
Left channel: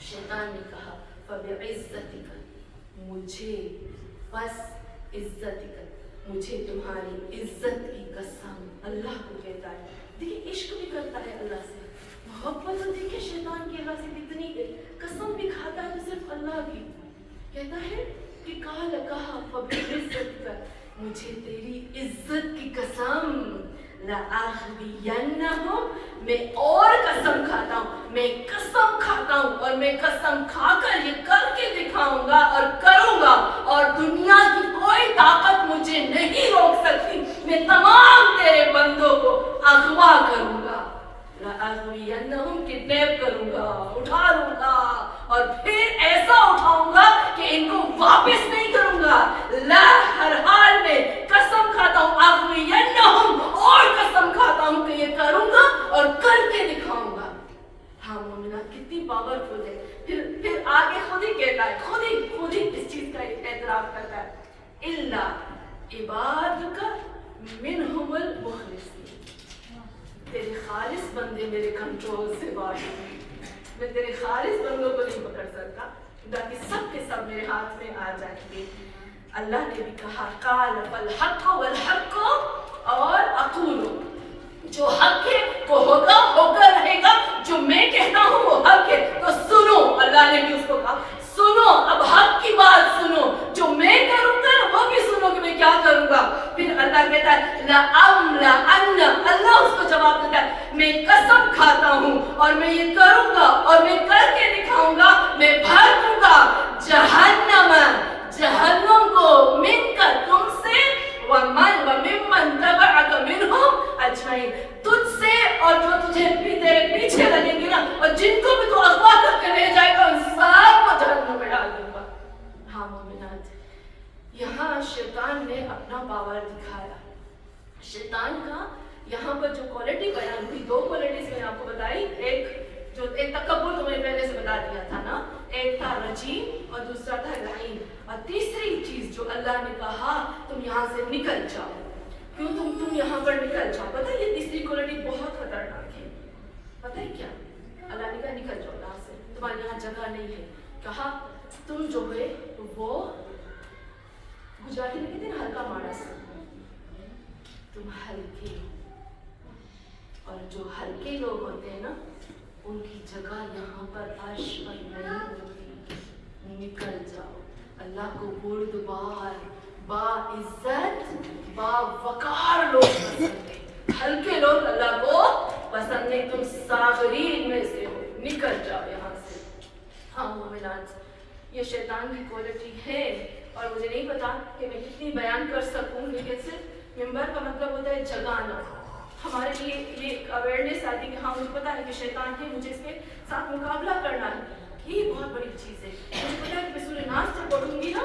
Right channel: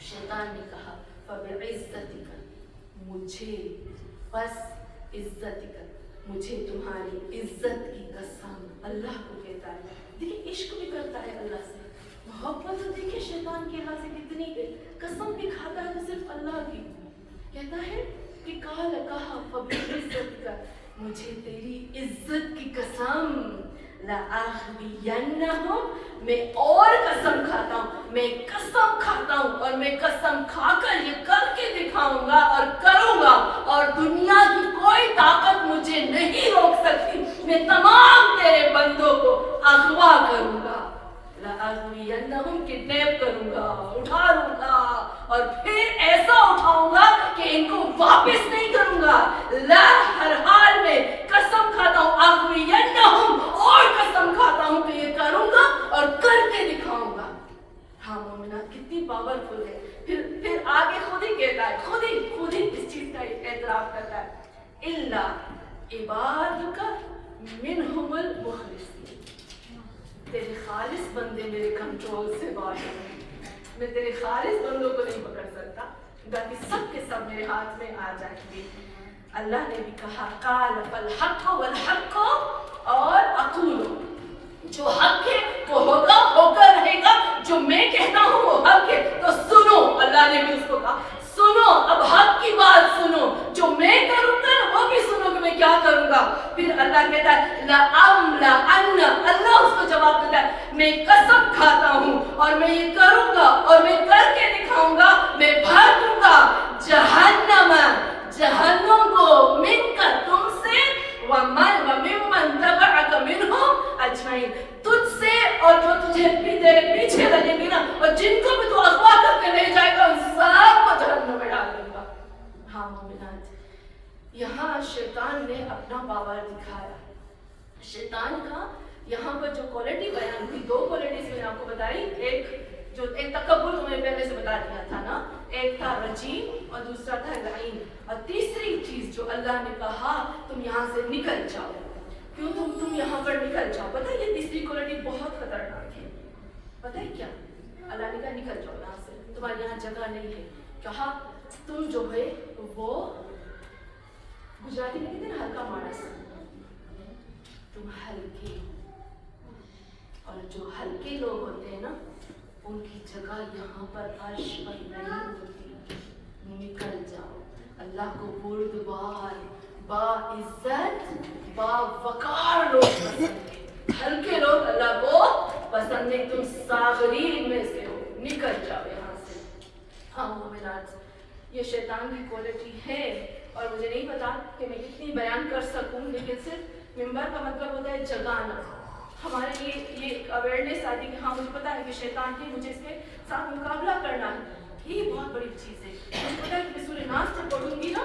شیطان نے کہا فبعزتک, مجھے بس عزتک, مجھے تمہاری عزت کی قسم. اللہ کو کہتا ہے, دیکھیں عشق بھی کرتا ہے اللہ سے, محبت تو دیکھیں شیطان کی اللہ سے کتنی ہے, قسم بھی کھاتا ہے تو صرف اللہ کی. کہتا ہے کہ قال, کہا فبعزتک, مجھے تیری عزت کی قسم, لأغوینہم, میں اور قسم کھاتا ہوں, میں قسم کھاتا ہوں اور میں قسم کھا کر یہ کر کے دکھاؤں گا اور کروں گا, اور دنیا کی کوئی طاقت مجھے نہیں روک سکتی. میں تمام تیرے بندوں کو اغوا کروں گا, لأغوینہم, کڈنیپ کروں گا, اٹھا لوں گا, اور پھر ایسا اٹھاؤں گا کہ ان کو واپس نہیں کروں گا. لا, ہر حال میں قسم کھاتا ہوں, اغوینہم, اور قسم کھاتا ہوں کہ یہ کروں گا اور کر کے دکھاؤں گا. ہاں مومنات کتنی پاورفل ہے. پھر آگے خود ہی کہتا ہے, خود ہی اس چیز کا اعتراف کرتا ہے, الا عبادک منہم المخلصین, تیرے خالص بندے میرے کنٹرول سے باہر ہیں, میں تیرے خالص بندوں کو نہیں پکڑ سکتا, باقی سب کے سب میرے ہاتھ میں آ جائیں گے. اللہ نے بھی کہا قال فالحق والحق, اور اقول, جو حق ہے وہ ہوگا, ہو کر رہے گا, جو میں کہتا ہوں وہ حق ہے تو سنو. اللہ نے بھی اس کو کہا سنو, اب حق کی بات سنو, جو میں کروں گا وہ بھی سنو کہ میں کیا کروں گا. پھر اللہ کہتا ہے لأملأن, اللہ اس کو جواب دیتا ہے, میں قسم کھاتا ہوں اور میں یہ کروں گا اور میں کر کے دکھاؤں گا, میں بھر دوں گا جہنم کو من کا, تم سے, ومن یہاں شیطان نے اپنا پاور دکھایا. شیطان کا یہاں پر جو کوالٹی بیان ہوئی, 2 کوالٹیز میں نے آپ کو بتائی. ایک تکبر تم نے پہلے سے بتا دیا تھا نا, ایک تھا رجیم اور دوسرا تھا لعین, اور تیسری چیز جو اللہ نے کہا تم یہاں سے نکل جاؤ. کیوں تم یہاں پر نکل جاؤ؟ پتہ ہے یہ تیسری کوالٹی بہت خطرناک ہے. پتہ ہے کیا؟ اللہ نے کہا نکل جاؤ یہاں سے, تمہارے یہاں جگہ نہیں ہے. کہا تم جو ہے وہ گجراتی میں کہتے ہیں نا ہلکا مانس, تم ہلکے, اور جو ہلکے لوگ ہوتے ہیں نا ان کی جگہ یہاں پر عرش پر نہیں ہوتی. نکل جاؤ. اللہ کو بردبار, با عزت, با وقار لوگ پسند ہیں, ہلکے لوگ اللہ کو پسند نہیں. تم صاغرین میں سے ہو, نکل جاؤ یہاں سے. ہاں مومنات, یہ شیطان کی کوالٹی ہے, اور مجھے نہیں پتا کہ میں کتنی بیان کر سکوں, لیکن صرف ممبر کا مطلب ہوتا ہے جگانا. ہمارے لیے یہ اویئرنیس آتی کہ ہاں مجھے پتا ہے کہ شیطان کی مجھے اس کے ساتھ مقابلہ کرنا ہے. یہ بہت بڑی چیز ہے. مجھے پتا ہے کہ میں سورہ ناس جب پڑھوں گی نا,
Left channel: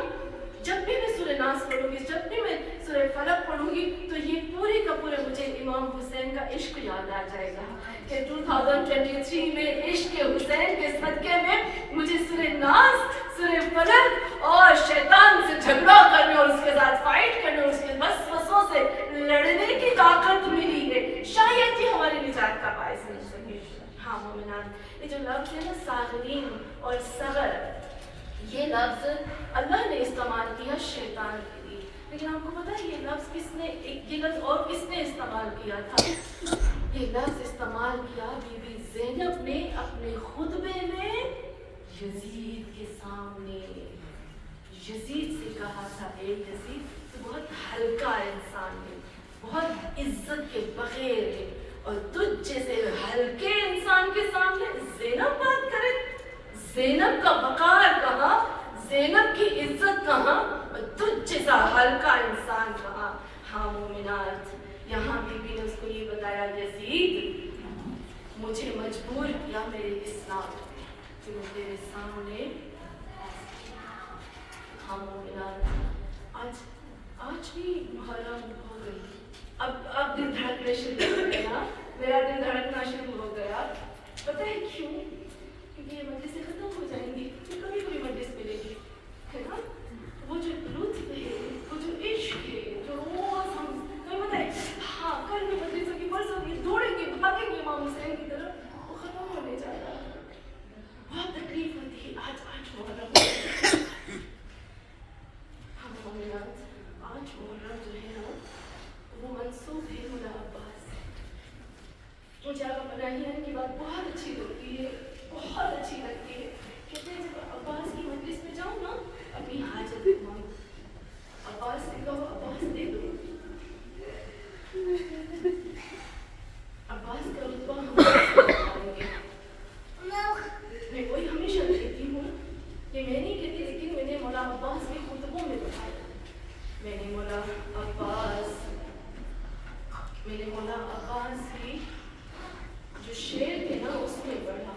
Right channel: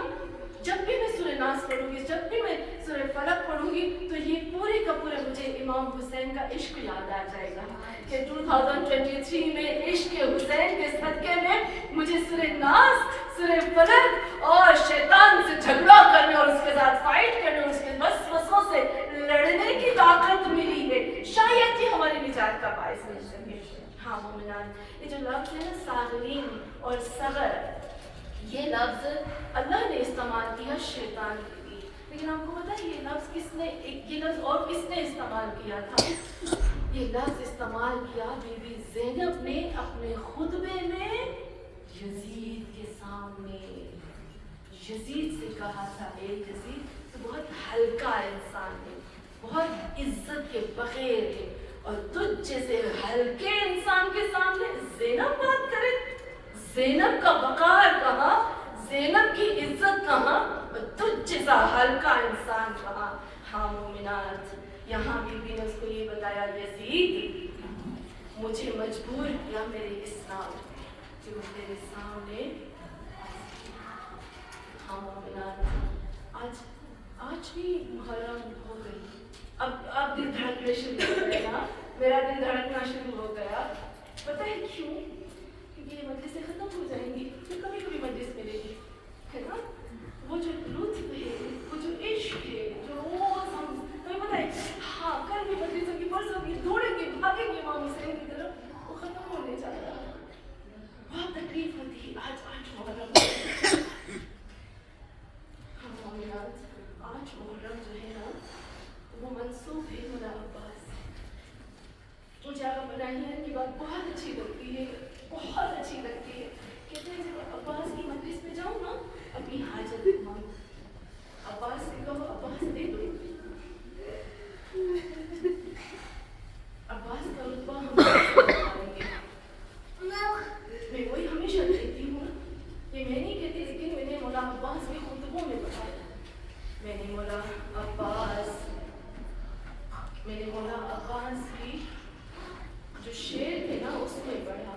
جب بھی میں سورہ ناس پڑھوں گی, جب بھی میں سورہ فلق پڑھوں گی, تو یہ پورے کا پورے مجھے امام حسین کا عشق یاد آ جائے گا کہ 2023 میں عشق حسین کے صدقے میں مجھے سورہ ناس, سورہ فلق اور شیطان سے جھگڑا کرنے اور اس کے ساتھ فائٹ کرنے اور اس کے وسوسوں سے لڑنے کی طاقت ملی ہے. شاید یہ ہماری نجات کا باعث بن سکے. ہاں مومنان, یہ جو لفظ ہے نا صاغرین اور صغر, یہ لفظ اللہ نے استعمال کیا شیطان کے لیے, لیکن آپ کو پتا ہے یہ لفظ کس نے, یہ لفظ اور کس نے استعمال کیا تھا؟ یہ لفظ استعمال کیا بی بی زینب نے اپنے خطبے میں یزید کے سامنے. یزید سے کہا تھا, اے یزید تو بہت ہلکا انسان ہے, بہت عزت کے بغیر ہے, اور تجھ جیسے ہلکے انسان کے سامنے زینب بات کرے. زینب کا وقار کہاں, زینب کی عزت کہاں, اور تجھ جیسا ہلکا انسان کہاں. ہاں مومنات, یہاں بی بی نے اس کو یہ بتایا, یزید مجھے مجبور کیا میرے اسلام نے کہ میں تیرے سامنے. ہاں مومنات, آج بھی محرم ہو گئی, اب دل دھڑکنے شروع ہو گیا, میرا دل دھڑکنا شروع ہو گیا. پتہ ہے کیوں؟ کیونکہ یہ مجلسیں ختم ہو جائیں گی, پھر کبھی کبھی مجلس ملے گی, ہے نا. وہ جو لطف ہے, وہ جو عشق ہے, جو روز ہم تمہیں پتہ ہے, ہاں کل بھی مجلس ہوگی, پرسوں ہوگی, دوڑیں گے, بھاگیں گے امام حسین کی طرف, وہ ختم ہونے جا رہا ہے. بہت تکلیف ہوتی ہے. آج محرم, ہم مومنات, آج محرم جو ہے نا وہ منسوب ہے مولا عباس. مجھے آپ بنائیے کی بات بہت اچھی لگتی ہے, بہت اچھی لگتی ہے. کہتے ہیں جب عباس کی مجلس میں جاؤں نا, اپنی حاجت مانگو, عباس سے کہو عباس دے دو. عباس کا رتبہ ہم پائیں گے. میں وہی ہمیشہ کہتی ہوں, یہ میں نہیں کہتی, لیکن میں نے مولا عباس کے خطبوں میں بتایا. میں نے مولا عباس کی جو شعر تھے نا اس میں پڑھا.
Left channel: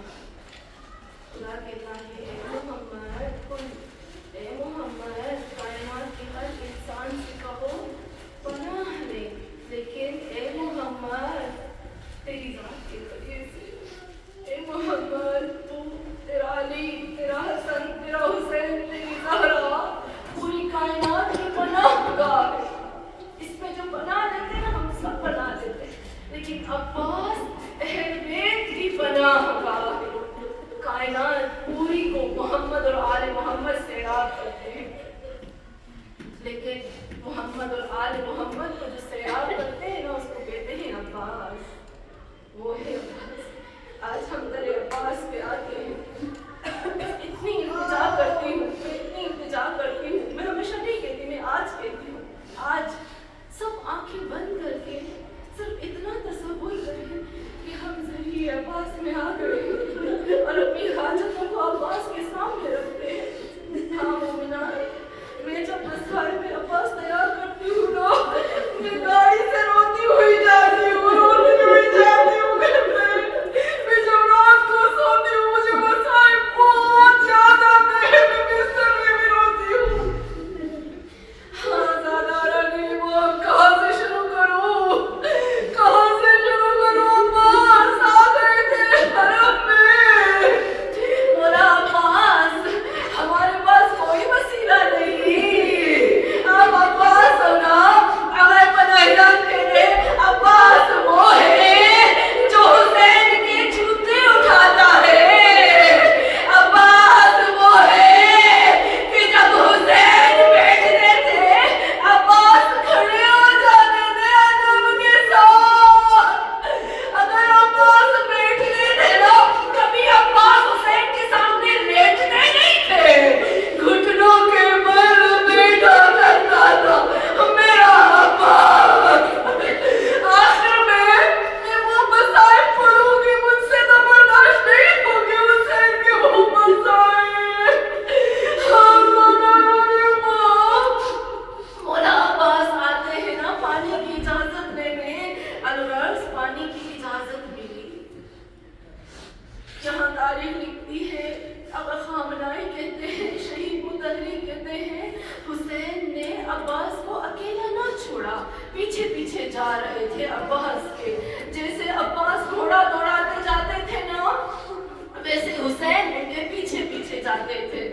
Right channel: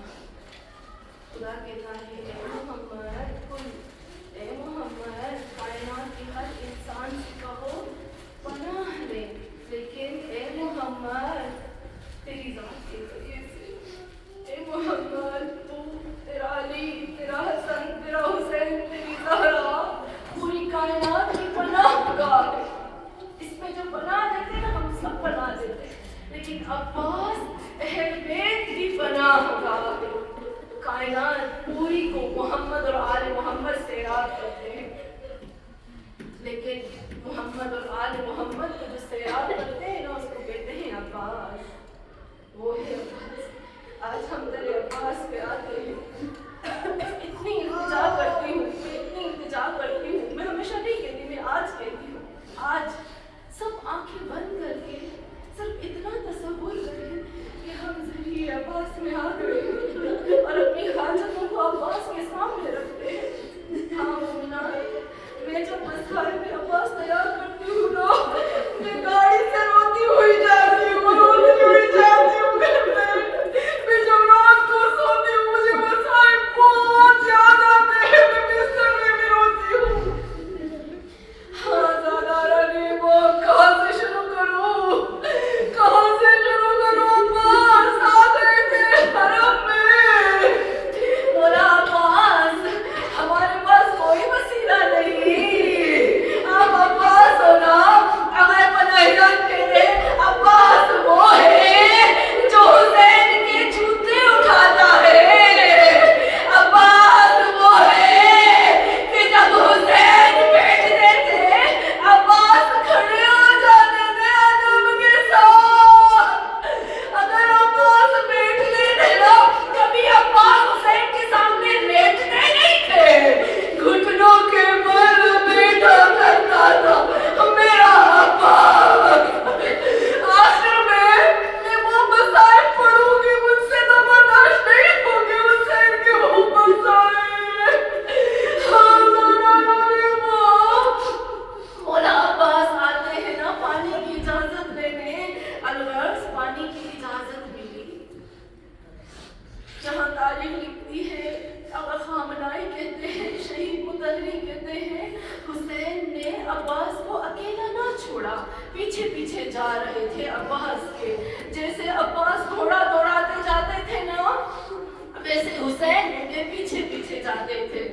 خدا کہتا ہے اے محمد کائنات کے ہر انسان سے کہو پناہ لے, لیکن اے محمد تیری ذات کے قریب سے, اے محمد تو تیرا علی, تیرا حسن, تیرا حسین, تیری زہرا پوری کائنات کی پناہ گاہ ہے. اس میں جو پناہ دیتے ہیں نا ہم سب پناہ دیتے ہیں, لیکن عباس اہل بیت کی پناہ گاہ ہے. کائنات پوری کو محمد اور آل محمد سے سیراب کرتے ہیں, لیکن محمد اور آل محمد کو جو سیراب کرتے ہیں نا اس کو کہتے ہیں عباس. وہ ہے عباس. آج ہم در عباس پہ آتے ہیں. اتنی التجا کرتی ہوں, میں ہمیشہ نہیں کہتی, میں آج کہتی ہوں, آج سب آنکھیں بند کر کے صرف اتنا تصور کریں کہ ہم ذریعے عباس میں آ گئے اور اپنی حاجتوں کو عباس کے سامنے رکھتے ہیں. ہاں مومنات, میں جب مسخرے میں عباس تیار کرتی ہوں نا, میں گاڑی سے روتی ہوئی جاتی ہوں. میں جب رات کو سوتی ہوں مجھے چھوڑا. پیچھے پیچھے جا رہے تھے عباس کے. جیسے عباس گھوڑا دوڑاتے جاتے تھے نا ویسے حسین ان کے پیچھے پیچھے جاتے تھے.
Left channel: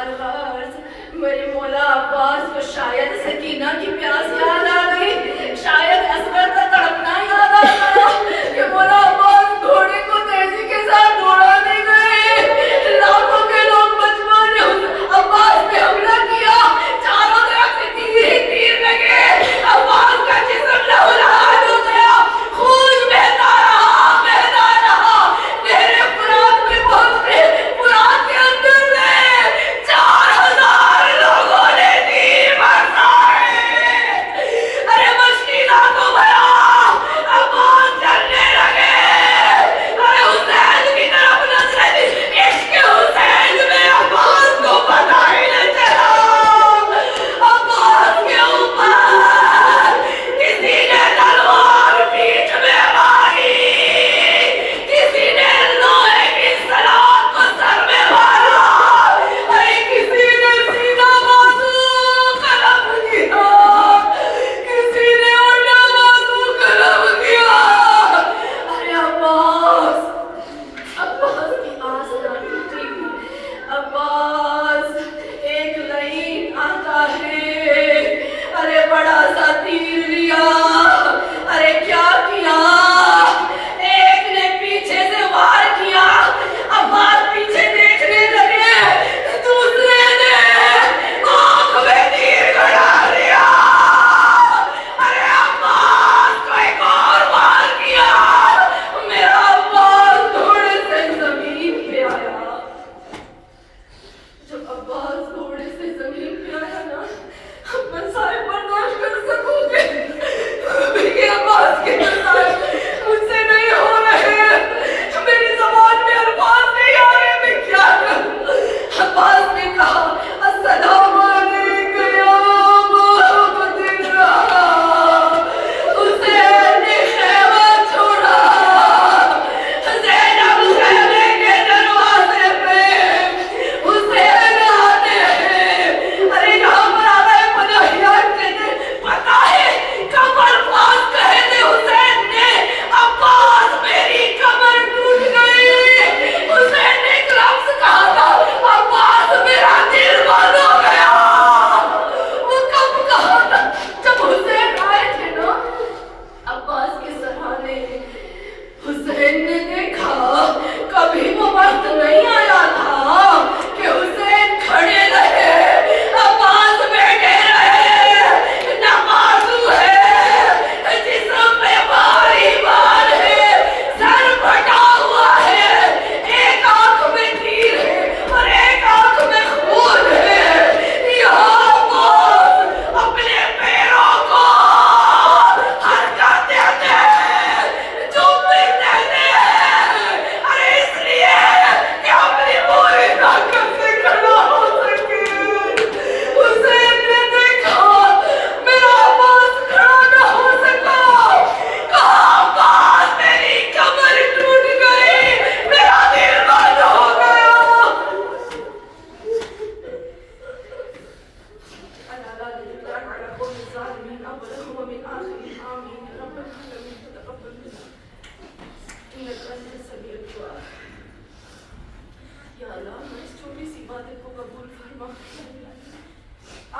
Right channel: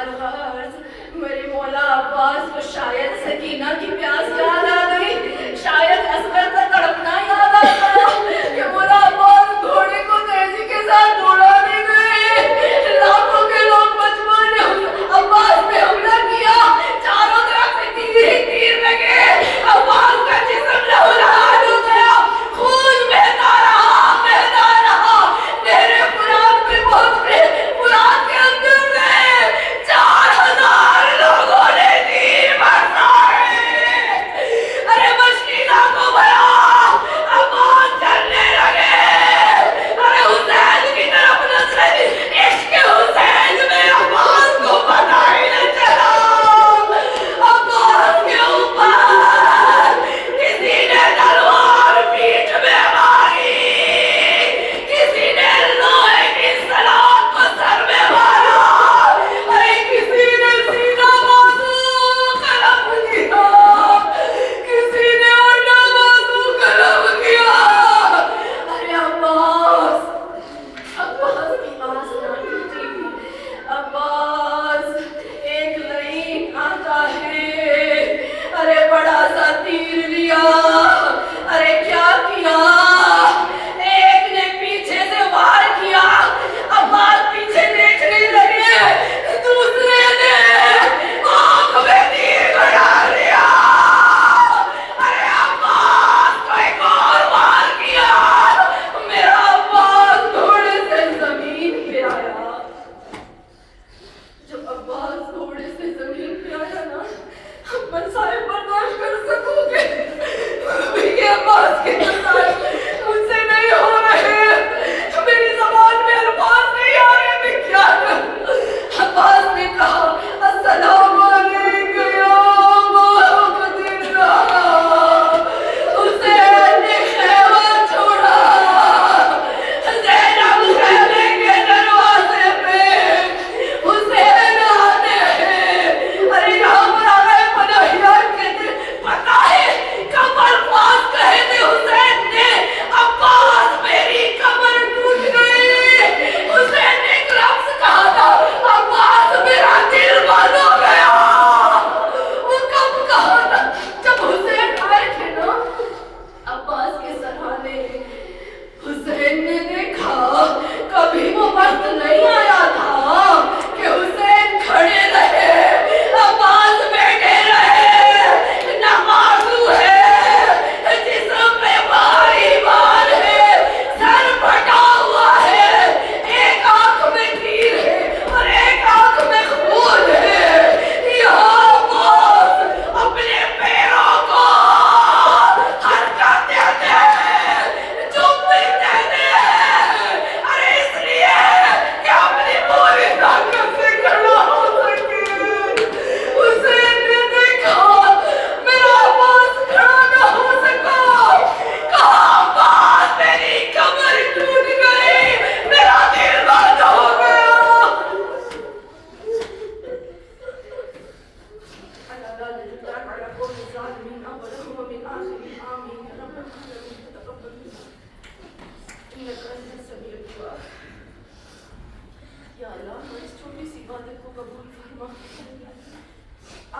الغرض میرے مولا عباس کو شاید سکینہ کی پیاس یاد آ گئی, شاید اصغر کا تڑپنا یاد آ گیا کہ مولا عباس گھوڑے کو تیزی کے ساتھ دوڑانے گئے. لاکھوں کے لوگ مجموعہ نے عباس پہ حملہ کیا, چاروں طرف سے تیر ہی تیر لگے. عباس کا جسم لہولہان ہو گیا, خون بہتا رہا بہتا رہا. میرے فرات میں پہنچ گئے, فرات کے اندر سے 4000 لوگوں نے تیر برسائے. ارے مشکینہ کو بھیا عباس چلنے لگے. ارے حسین کی طرف نظریں, عشق حسین میں عباس کو پتہ ہی نہ چلا. عباس کے اوپر کسی نے تلوار پیٹھ میں ماری, کسی نے لوہے کی سلاخ کو سر میں مارا, کسی نے سینہ بازو قلم کیا, کسی نے انڈا بازو قلم کیا. ارے عباس کی آس نہ ٹوٹی. عباس ایک لعین آتا ہے, ارے بڑا سا تیر لیا. ارے کیا کیا, ایک نے پیچھے سے وار کیا, عباس پیچھے دیکھنے لگے, دوسرے نے آنکھ میں تیر گڑا لیا. ارے عباس کو ایک اور وار کیا. میرا عباس گھوڑے سے زمین پہ آیا. جب عباس گھوڑے سے زمین پہ آیا نا, مسائل برداشت کر سکو گے, یہ عباس کے مسائل مجھ سے نہیں ہو رہے, میری زبان میں الفاظ نہیں آ رہے, میں کیا کروں. عباس نے کہا السلام علیکم یا محمد اللہ. حسین نے خیمہ چھوڑا, زینب خیمے کے دروازے پہ, حسین آتے ہیں. ارے یہاں پر آ گئے پناہیان کہتے, پتا ہے کب الفاظ کہے تھے حسین نے, عباس میری کمر ٹوٹ گئی. حسین نے ایک لفظ کہا تھا, عباس میرا دل بند ہو گیا. وہ کب کہا تھا, جب حسین آئے تھے نا عباس کے سرانے. حسین نے دیکھا کبھی وہ وقت نہیں آیا تھا کہ حسین کھڑے رہے, عباس بیٹھے رہے. نمازو ہے, جسم پہ بھاری بار ہے, سر پھٹا ہوا ہے, ایک آنکھ میں تیر ہے اور ایک آنکھ میں خون ہے. یہاں عباس اپنے پیروں کو حرکت دیتے ہیں, چومتے ہیں. ارے اس لیے کہ اپنی پوری طاقت سے کھڑا ہو سکے. حسین نے دیکھا میرا عباس کھڑا نہ ہو سکا, کہا عباس میری کمر ٹوٹ گئی, میرا دل بند ہو گیا. اللہ لا نجد على قوم الظالمين أولهم ومن آخرهم آمين يا رب العالمين. تقبل منا إنك أنت السميع الدعاء. یا اللہ اس چھوٹی سی عبادت کو قبول فرما.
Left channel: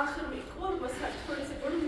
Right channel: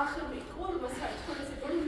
آخر میں ایک اور مسئلہ تھوڑے سے پڑھوں